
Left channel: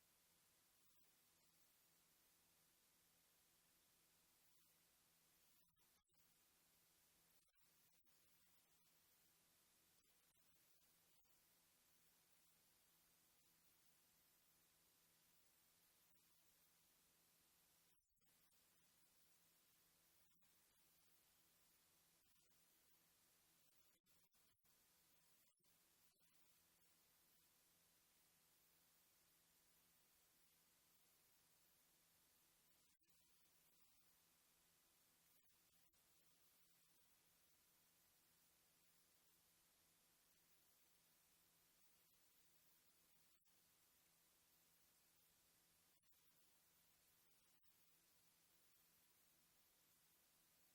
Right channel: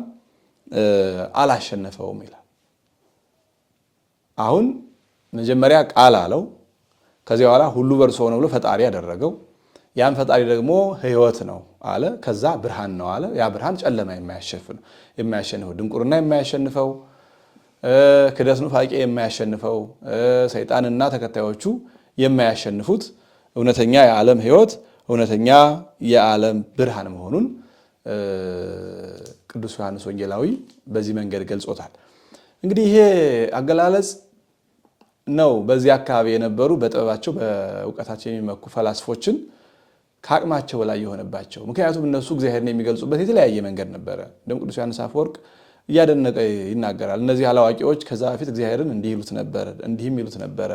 አላሸነፈውም ይላል። አሁን መጀመሪያ ቃል አለው። ከዚያ በኋላ ሁሉ በእርሱ ሆነ ብሎ ፈጣሪ ያደረገው ያን ፈጣሪ ደግሞ ሕይወት ነው አለ። ከዛ ብርሃን ነው አለ። ያ ብርሃን ጨለማ የማያሸንፈው ድንቁርና የማያሸንፈው ክደት ኑፋቄ የማያሸንፈው ሰይጣንና ተከታዮቹ የማያሸንፉት እውነተኛ የዓለም ሕይወት እውነተኛ የዓለም ብርሃን መሆኑን ቅዱስ ዮሐንስ ወንጌላዊ በዚህ መንገድ ገልጾታል። እንግዲህ ይሄ አገላለጽ ነው በዚህ አካባቢ የነበሩ በጥበባቸው በእውቀታቸው የሚመኩ ፈላስፎችን ከአቅማቸው በላይ የሆነባቸው። ምክንያቱም እነሱ እግዚአብሔርን የሚገልጹበት የተለያየ መንገድ ነበረ። እንደውም ቅዱስ ዮሐንስ አፈወርቅ እያደነቀ ይናገራል። እነዚህ አላዋቂዎች ከዛ በፊት እግዚአብሔርን እንዲህ ይሉት ነበረ፣ እንዲህም ይሉት ነበረ፣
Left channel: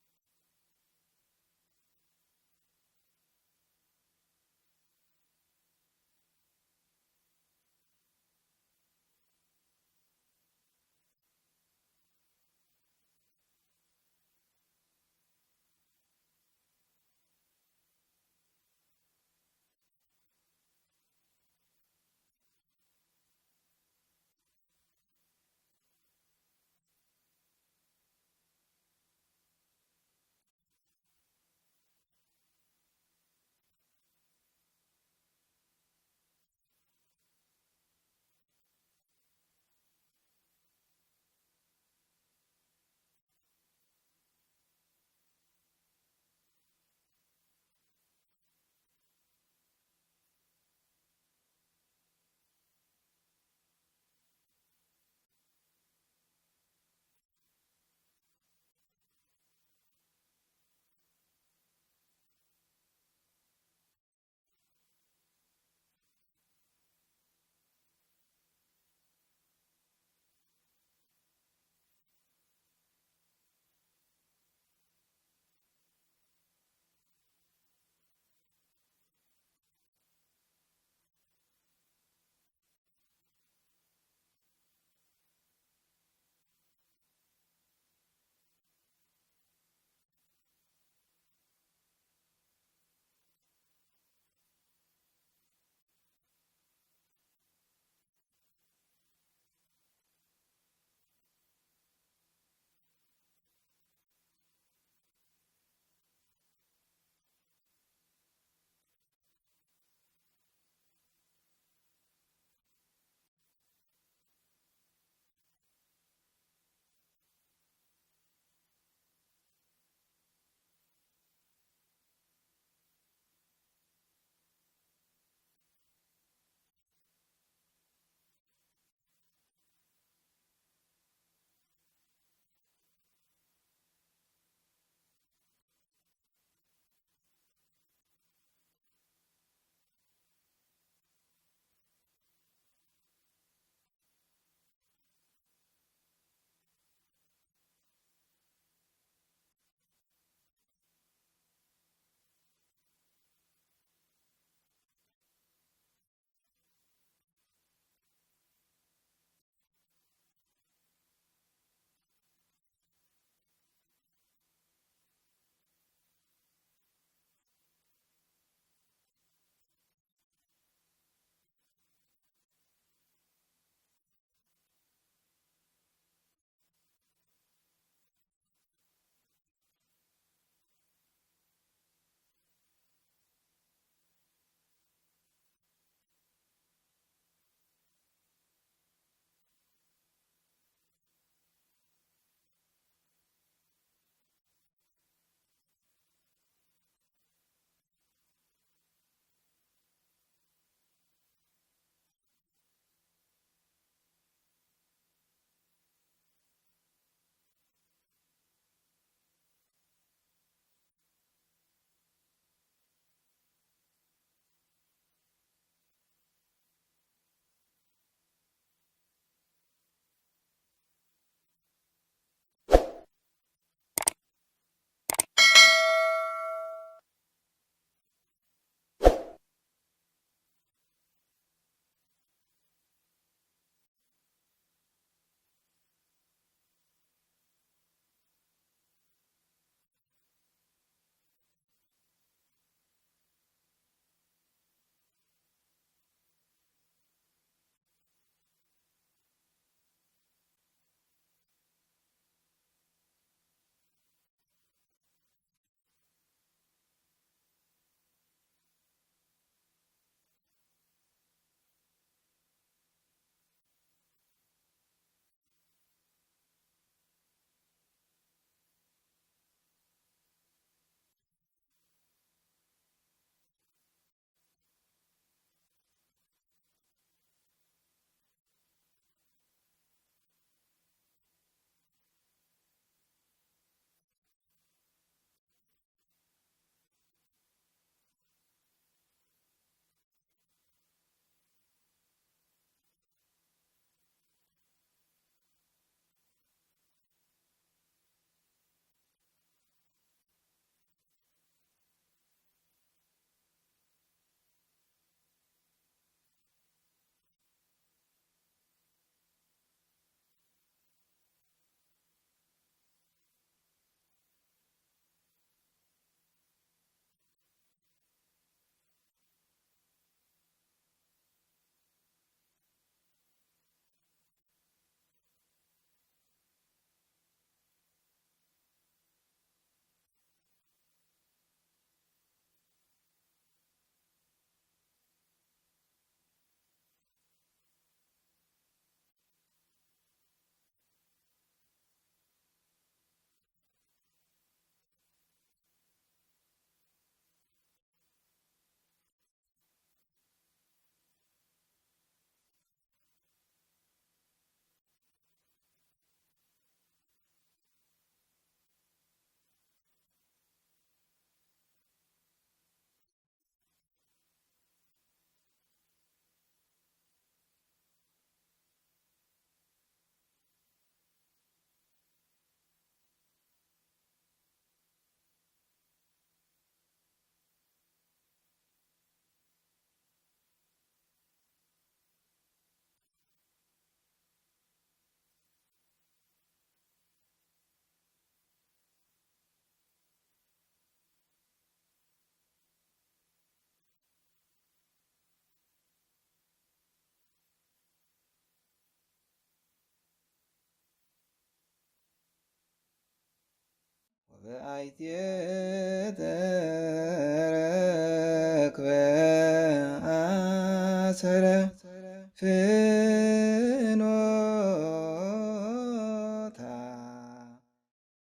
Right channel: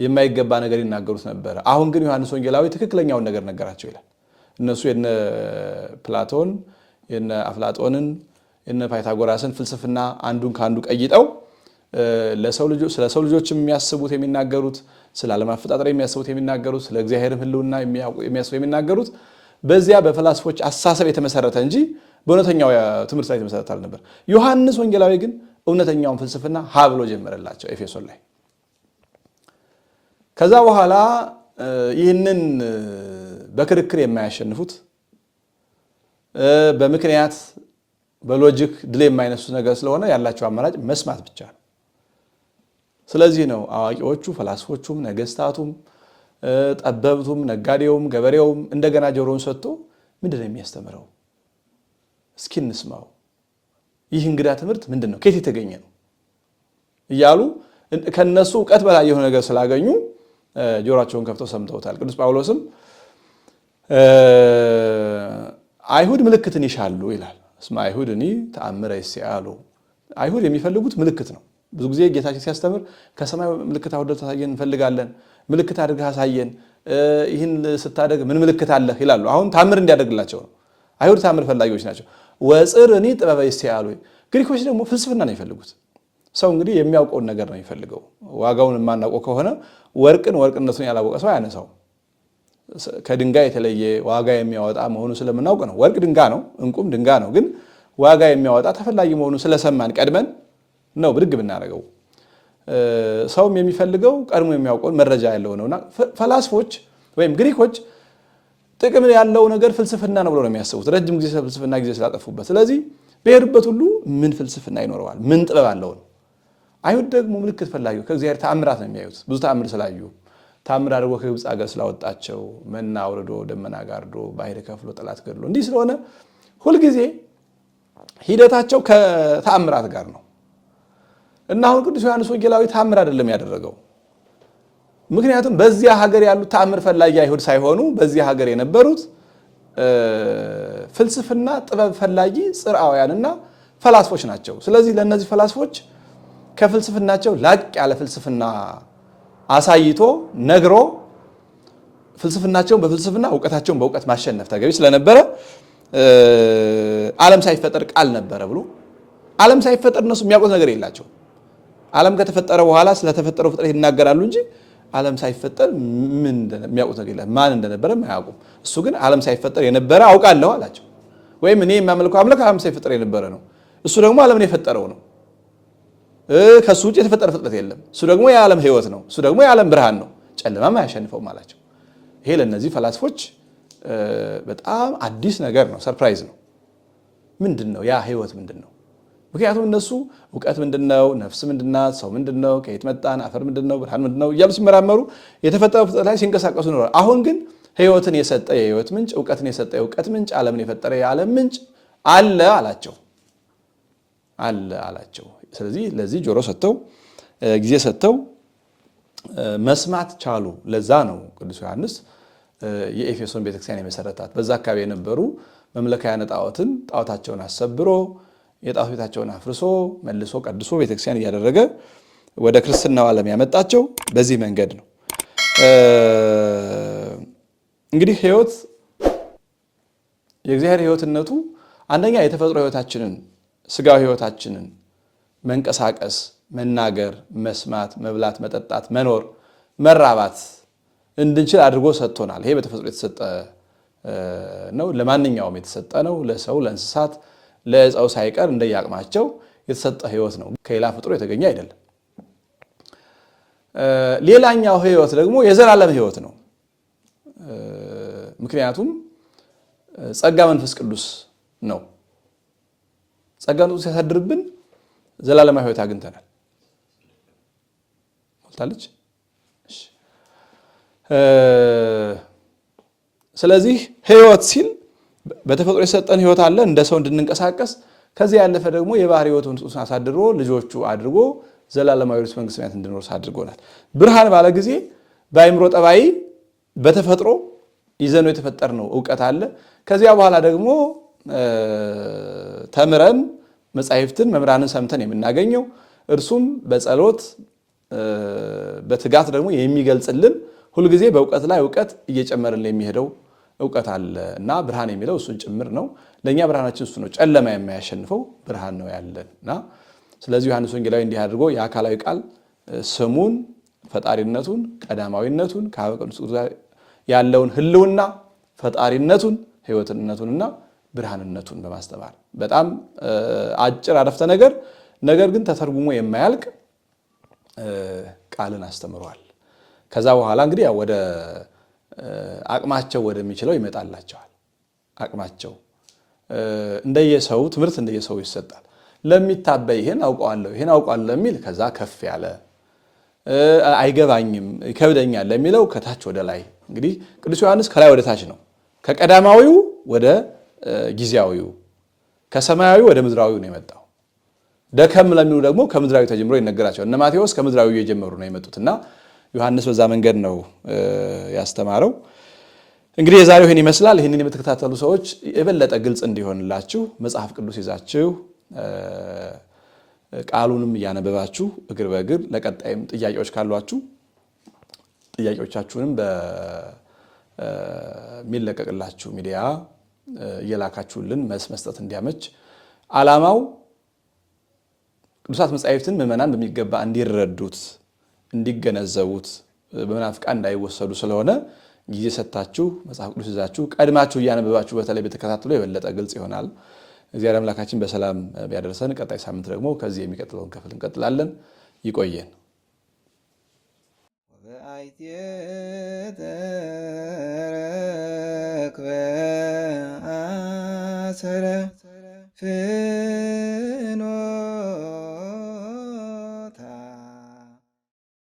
የማይገባ ነገር ይናገሩት ነበረ። አሁን ግን ዮሐንስ ወንጌላዊ ትክክለኛውን ነገር ነገራቸው ይላል። እነሱ የነ ፕላቶን የነ አፍላጦንን የነ ፓይታጎራስን ፍልስፍና አንዱን ከአንዱ ቀይጠው ስለ ሰው ልጆች የሚያስቡት የሚናገሩት፣ ስለ ዓለም አፈጣጠር የሚያስቡት የሚናገሩት፣ ስለ እግዚአብሔርም ሕልውና የሚያስቡ የሚናገሩት በዚያ በፈላስፎች አሳሰብ የተመሰረተ እንጂ በእውነተኛው ትምህርት ላይ የተመሰረተ አልነበር። ዮሐንስ ወንጌላዊ ግን እውነተኛውን ፍልስፍና ሀ ብሎ ጀመረላቸው ኤፌሶን ላይ። ከዛ በኋላ ይህንን በክርክር የማያሸንፉት በምክንያት በሎጂክ ድል የማይነሱት ነገር ስለሆነ ያላቸው አማራጭ መስማት ብቻ ነው። ስለዚህ ነው አዋቂዎቹ ፈላስፎቹም ነገስታቱም ጠበብቱም ነጋዴውም ገበሬውም እንደገና ጆሮውን ሰጥቶ ምንድን ነው የሚያስተምረው? እስኪ እንስማው። ይህ እንግዳ ትምህርት ምንድን ነው? ከየት የተገኘ ነው? እያሉ ከነሱ እውቀት በላይ የሆነ ነገር ስላገኙ ጆሮአቸውን ከፍተው ሰምተውታል። ቅዱስ ጳውሎስም አይሁድ ምልክትን ይሻሉ ይላል። እስመ አይሁድኒ ተአምረ ይስአሉ። አይሁድ የሚፈልጉት ምልክት ነው። ብዙ ጊዜ ጌታችን ሲያስተምር ከሰማይ ምልክት አውርደህ ታሳየን እንፈልጋለን፣ ምልክት አድርገህ አሳየን፣ ይህን ስታደርግ ምን ምልክት አለህ ይላሉ። አሁን ታምር እንዲያደርግላቸው ነው። አይሁድ ታምር ፈላጊዎች ናቸው። ወጽርኒ ጥበበ ይስአሉ። ግሪኮች ደግሞ ፍልስፍና ነው የሚፈልጉት። ሰው እንግዲህ የሚያውቀውን ነገር ነው የሚፈልገው። ዋጋውን የማናውቀው ከሆነ ወርቅነቱን ያላወቀ ሰው አያነሳው። ከድንጋይ የተለየ ዋጋ የሚያወጣ መሆኑ ስለምናውቅ ነው። ወርቅ ድንጋይ ነው፣ እንቁም ድንጋይ ነው። ግን ዋጋ የሚያወጣ ተፈላጊ መሆኑ ስለሰማን ቀድመን ነው ብድግ ብናደርገው። ሰውም የሚፈልገው ቀድሞ የሚያውቀውን መረጃ ያለው ነውና ፈላስፎች ወይም ግሪኮች ጥቅም ያለው ነገር ፍልስፍና ነው ብሎ ነው የሚያስቡት። ረጅም ጊዜ ፍልስፍና ጊዜ ስላጠፉበት። ስለዚህ በሄዱበት ሁሉ ምን ፍልስፍና ይኖረዋል? ምን ጥበብ አለው ነው። አይሁድ ደግሞ ምልክት ፈላጊ ከእግዚአብሔር ተአምራት ነው የሚያዩት። ብዙ ተአምር ስላዩ ታምር አድርጎ ከግብፅ ሀገር ስላወጣቸው መና አውርዶ ደመና ጋርዶ ባህር ከፍሎ ጠላት ገድሎ እንዲህ ስለሆነ ሁልጊዜ ሂደታቸው ከተአምራት ጋር ነው። እና አሁን ቅዱስ ዮሐንስ ወንጌላዊ ታምር አይደለም ያደረገው። ምክንያቱም በዚያ ሀገር ያሉት ታምር ፈላጊ አይሁድ ሳይሆኑ በዚያ ሀገር የነበሩት ፍልስፍና ጥበብ ፈላጊ ጽርዓውያንና ፈላስፎች ናቸው። ስለዚህ ለእነዚህ ፈላስፎች ከፍልስፍናቸው ላቅ ያለ ፍልስፍና አሳይቶ ነግሮ ፍልስፍናቸውን በፍልስፍና እውቀታቸውን በእውቀት ማሸነፍ ተገቢ ስለነበረ ዓለም ሳይፈጠር ቃል ነበረ ብሎ ዓለም ሳይፈጠር እነሱ የሚያውቁት ነገር የላቸው። ዓለም ከተፈጠረ በኋላ ስለተፈጠረው ፍጥረት ይናገራሉ እንጂ ዓለም ሳይፈጠር ምን የሚያውቁት ነገር የለም። ማን እንደነበረ አያውቁም። እሱ ግን ዓለም ሳይፈጠር የነበረ አውቃለሁ አላቸው። ወይም እኔ የሚያመልከው አምላክ ዓለም ሳይፈጠር የነበረ ነው። እሱ ደግሞ ዓለምን የፈጠረው ነው። ከሱ ውጭ የተፈጠረ ፍጥረት የለም። እሱ ደግሞ የዓለም ሕይወት ነው። እሱ ደግሞ የዓለም ብርሃን ነው። ጨለማም አያሸንፈውም አላቸው። ይሄ ለእነዚህ ፈላስፎች በጣም አዲስ ነገር ነው። ሰርፕራይዝ ነው። ምንድን ነው ያ ሕይወት ምንድን ነው? ምክንያቱም እነሱ እውቀት ምንድነው፣ ነፍስ ምንድናት፣ ሰው ምንድነው፣ ከየት መጣን፣ አፈር ምንድነው፣ ብርሃን ምንድነው እያሉ ሲመራመሩ የተፈጠረው ፍጥረት ላይ ሲንቀሳቀሱ ይኖራል። አሁን ግን ሕይወትን የሰጠ የሕይወት ምንጭ፣ እውቀትን የሰጠ የእውቀት ምንጭ፣ ዓለምን የፈጠረ የዓለም ምንጭ አለ አላቸው። ስለዚህ ለዚህ ጆሮ ሰጥተው ጊዜ ሰጥተው መስማት ቻሉ። ለዛ ነው ቅዱስ ዮሐንስ የኤፌሶን ቤተክርስቲያን የመሰረታት። በዛ አካባቢ የነበሩ መምለካውያን ጣዖታቸውን አሰብሮ የጣዖት ቤታቸውን አፍርሶ መልሶ ቀድሶ ቤተክርስቲያን እያደረገ ወደ ክርስትናው ዓለም ያመጣቸው በዚህ መንገድ ነው። እንግዲህ ህይወት የእግዚአብሔር ህይወትነቱ አንደኛ የተፈጥሮ ህይወታችንን ስጋዊ ህይወታችንን መንቀሳቀስ፣ መናገር፣ መስማት፣ መብላት፣ መጠጣት፣ መኖር፣ መራባት እንድንችል አድርጎ ሰጥቶናል። ይሄ በተፈጥሮ የተሰጠ ነው። ለማንኛውም የተሰጠ ነው። ለሰው፣ ለእንስሳት፣ ለዕፀው ሳይቀር እንደያቅማቸው የተሰጠ ህይወት ነው። ከሌላ ፍጥሮ የተገኘ አይደለም። ሌላኛው ህይወት ደግሞ የዘላለም ህይወት ነው። ምክንያቱም ጸጋ መንፈስ ቅዱስ ነው። ጸጋ መንፈስ ቅዱስ ሲያሳድርብን ዘላለማዊ ህይወት አግኝተናል። ሞልታለች። ስለዚህ ህይወት ሲል በተፈጥሮ የሰጠን ህይወት አለ እንደ ሰው እንድንንቀሳቀስ። ከዚህ ያለፈ ደግሞ የባህሪ ህይወቱን አሳድሮ ልጆቹ አድርጎ ዘላለማዊ ርስት መንግስተ ሰማያት እንድንወርስ አድርጎናል። ብርሃን ባለ ጊዜ በአእምሮ ጠባይ በተፈጥሮ ይዘነው የተፈጠርነው ዕውቀት አለ። ከዚያ በኋላ ደግሞ ተምረን መጻሕፍትን መምህራንን ሰምተን የምናገኘው እርሱም በጸሎት በትጋት ደግሞ የሚገልጽልን ሁልጊዜ በእውቀት ላይ እውቀት እየጨመረልን የሚሄደው እውቀት አለ እና ብርሃን የሚለው እሱን ጭምር ነው። ለእኛ ብርሃናችን እሱ ነው። ጨለማ የማያሸንፈው ብርሃን ነው ያለን እና ስለዚህ ዮሐንስ ወንጌላዊ እንዲህ አድርጎ የአካላዊ ቃል ስሙን፣ ፈጣሪነቱን፣ ቀዳማዊነቱን ከአብ ቅዱስ ያለውን ህልውና፣ ፈጣሪነቱን፣ ህይወትነቱንና ብርሃንነቱን በማስተማር በጣም አጭር አረፍተ ነገር ግን ተተርጉሞ የማያልቅ ቃልን አስተምሯል። ከዛ በኋላ እንግዲህ ወደ አቅማቸው ወደሚችለው ይመጣላቸዋል። አቅማቸው እንደየሰው ትምህርት እንደየሰው ይሰጣል። ለሚታበይ ይሄን አውቀዋለሁ ለሚል ከዛ ከፍ ያለ፣ አይገባኝም ይከብደኛል ለሚለው ከታች ወደ ላይ። እንግዲህ ቅዱስ ዮሐንስ ከላይ ወደ ታች ነው። ከቀዳማዊው ወደ ጊዜያዊው፣ ከሰማያዊ ወደ ምድራዊው ነው የመጣው። ደከም ለሚሉ ደግሞ ከምድራዊ ተጀምሮ ይነገራቸዋል። እነ ማቴዎስ ከምድራዊ እየጀመሩ ነው የመጡትና ዮሐንስ በዛ መንገድ ነው ያስተማረው። እንግዲህ የዛሬው ይህን ይመስላል። ይህንን የምትከታተሉ ሰዎች የበለጠ ግልጽ እንዲሆንላችሁ መጽሐፍ ቅዱስ ይዛችሁ ቃሉንም እያነበባችሁ እግር በእግር ለቀጣይም ጥያቄዎች ካሏችሁ ጥያቄዎቻችሁንም በሚለቀቅላችሁ ሚዲያ እየላካችሁልን መስጠት እንዲያመች ዓላማው ቅዱሳት መጻሕፍትን ምዕመናን በሚገባ እንዲረዱት እንዲገነዘቡት በመናፍቃን እንዳይወሰዱ ስለሆነ ጊዜ ሰጥታችሁ መጽሐፍ ቅዱስ ይዛችሁ ቀድማችሁ እያነበባችሁ በተለይ በተከታተሉ የበለጠ ግልጽ ይሆናል። እግዚአብሔር አምላካችን በሰላም ቢያደርሰን ቀጣይ ሳምንት ደግሞ ከዚህ የሚቀጥለውን ክፍል እንቀጥላለን። ይቆየን። ተረክበ አሰረ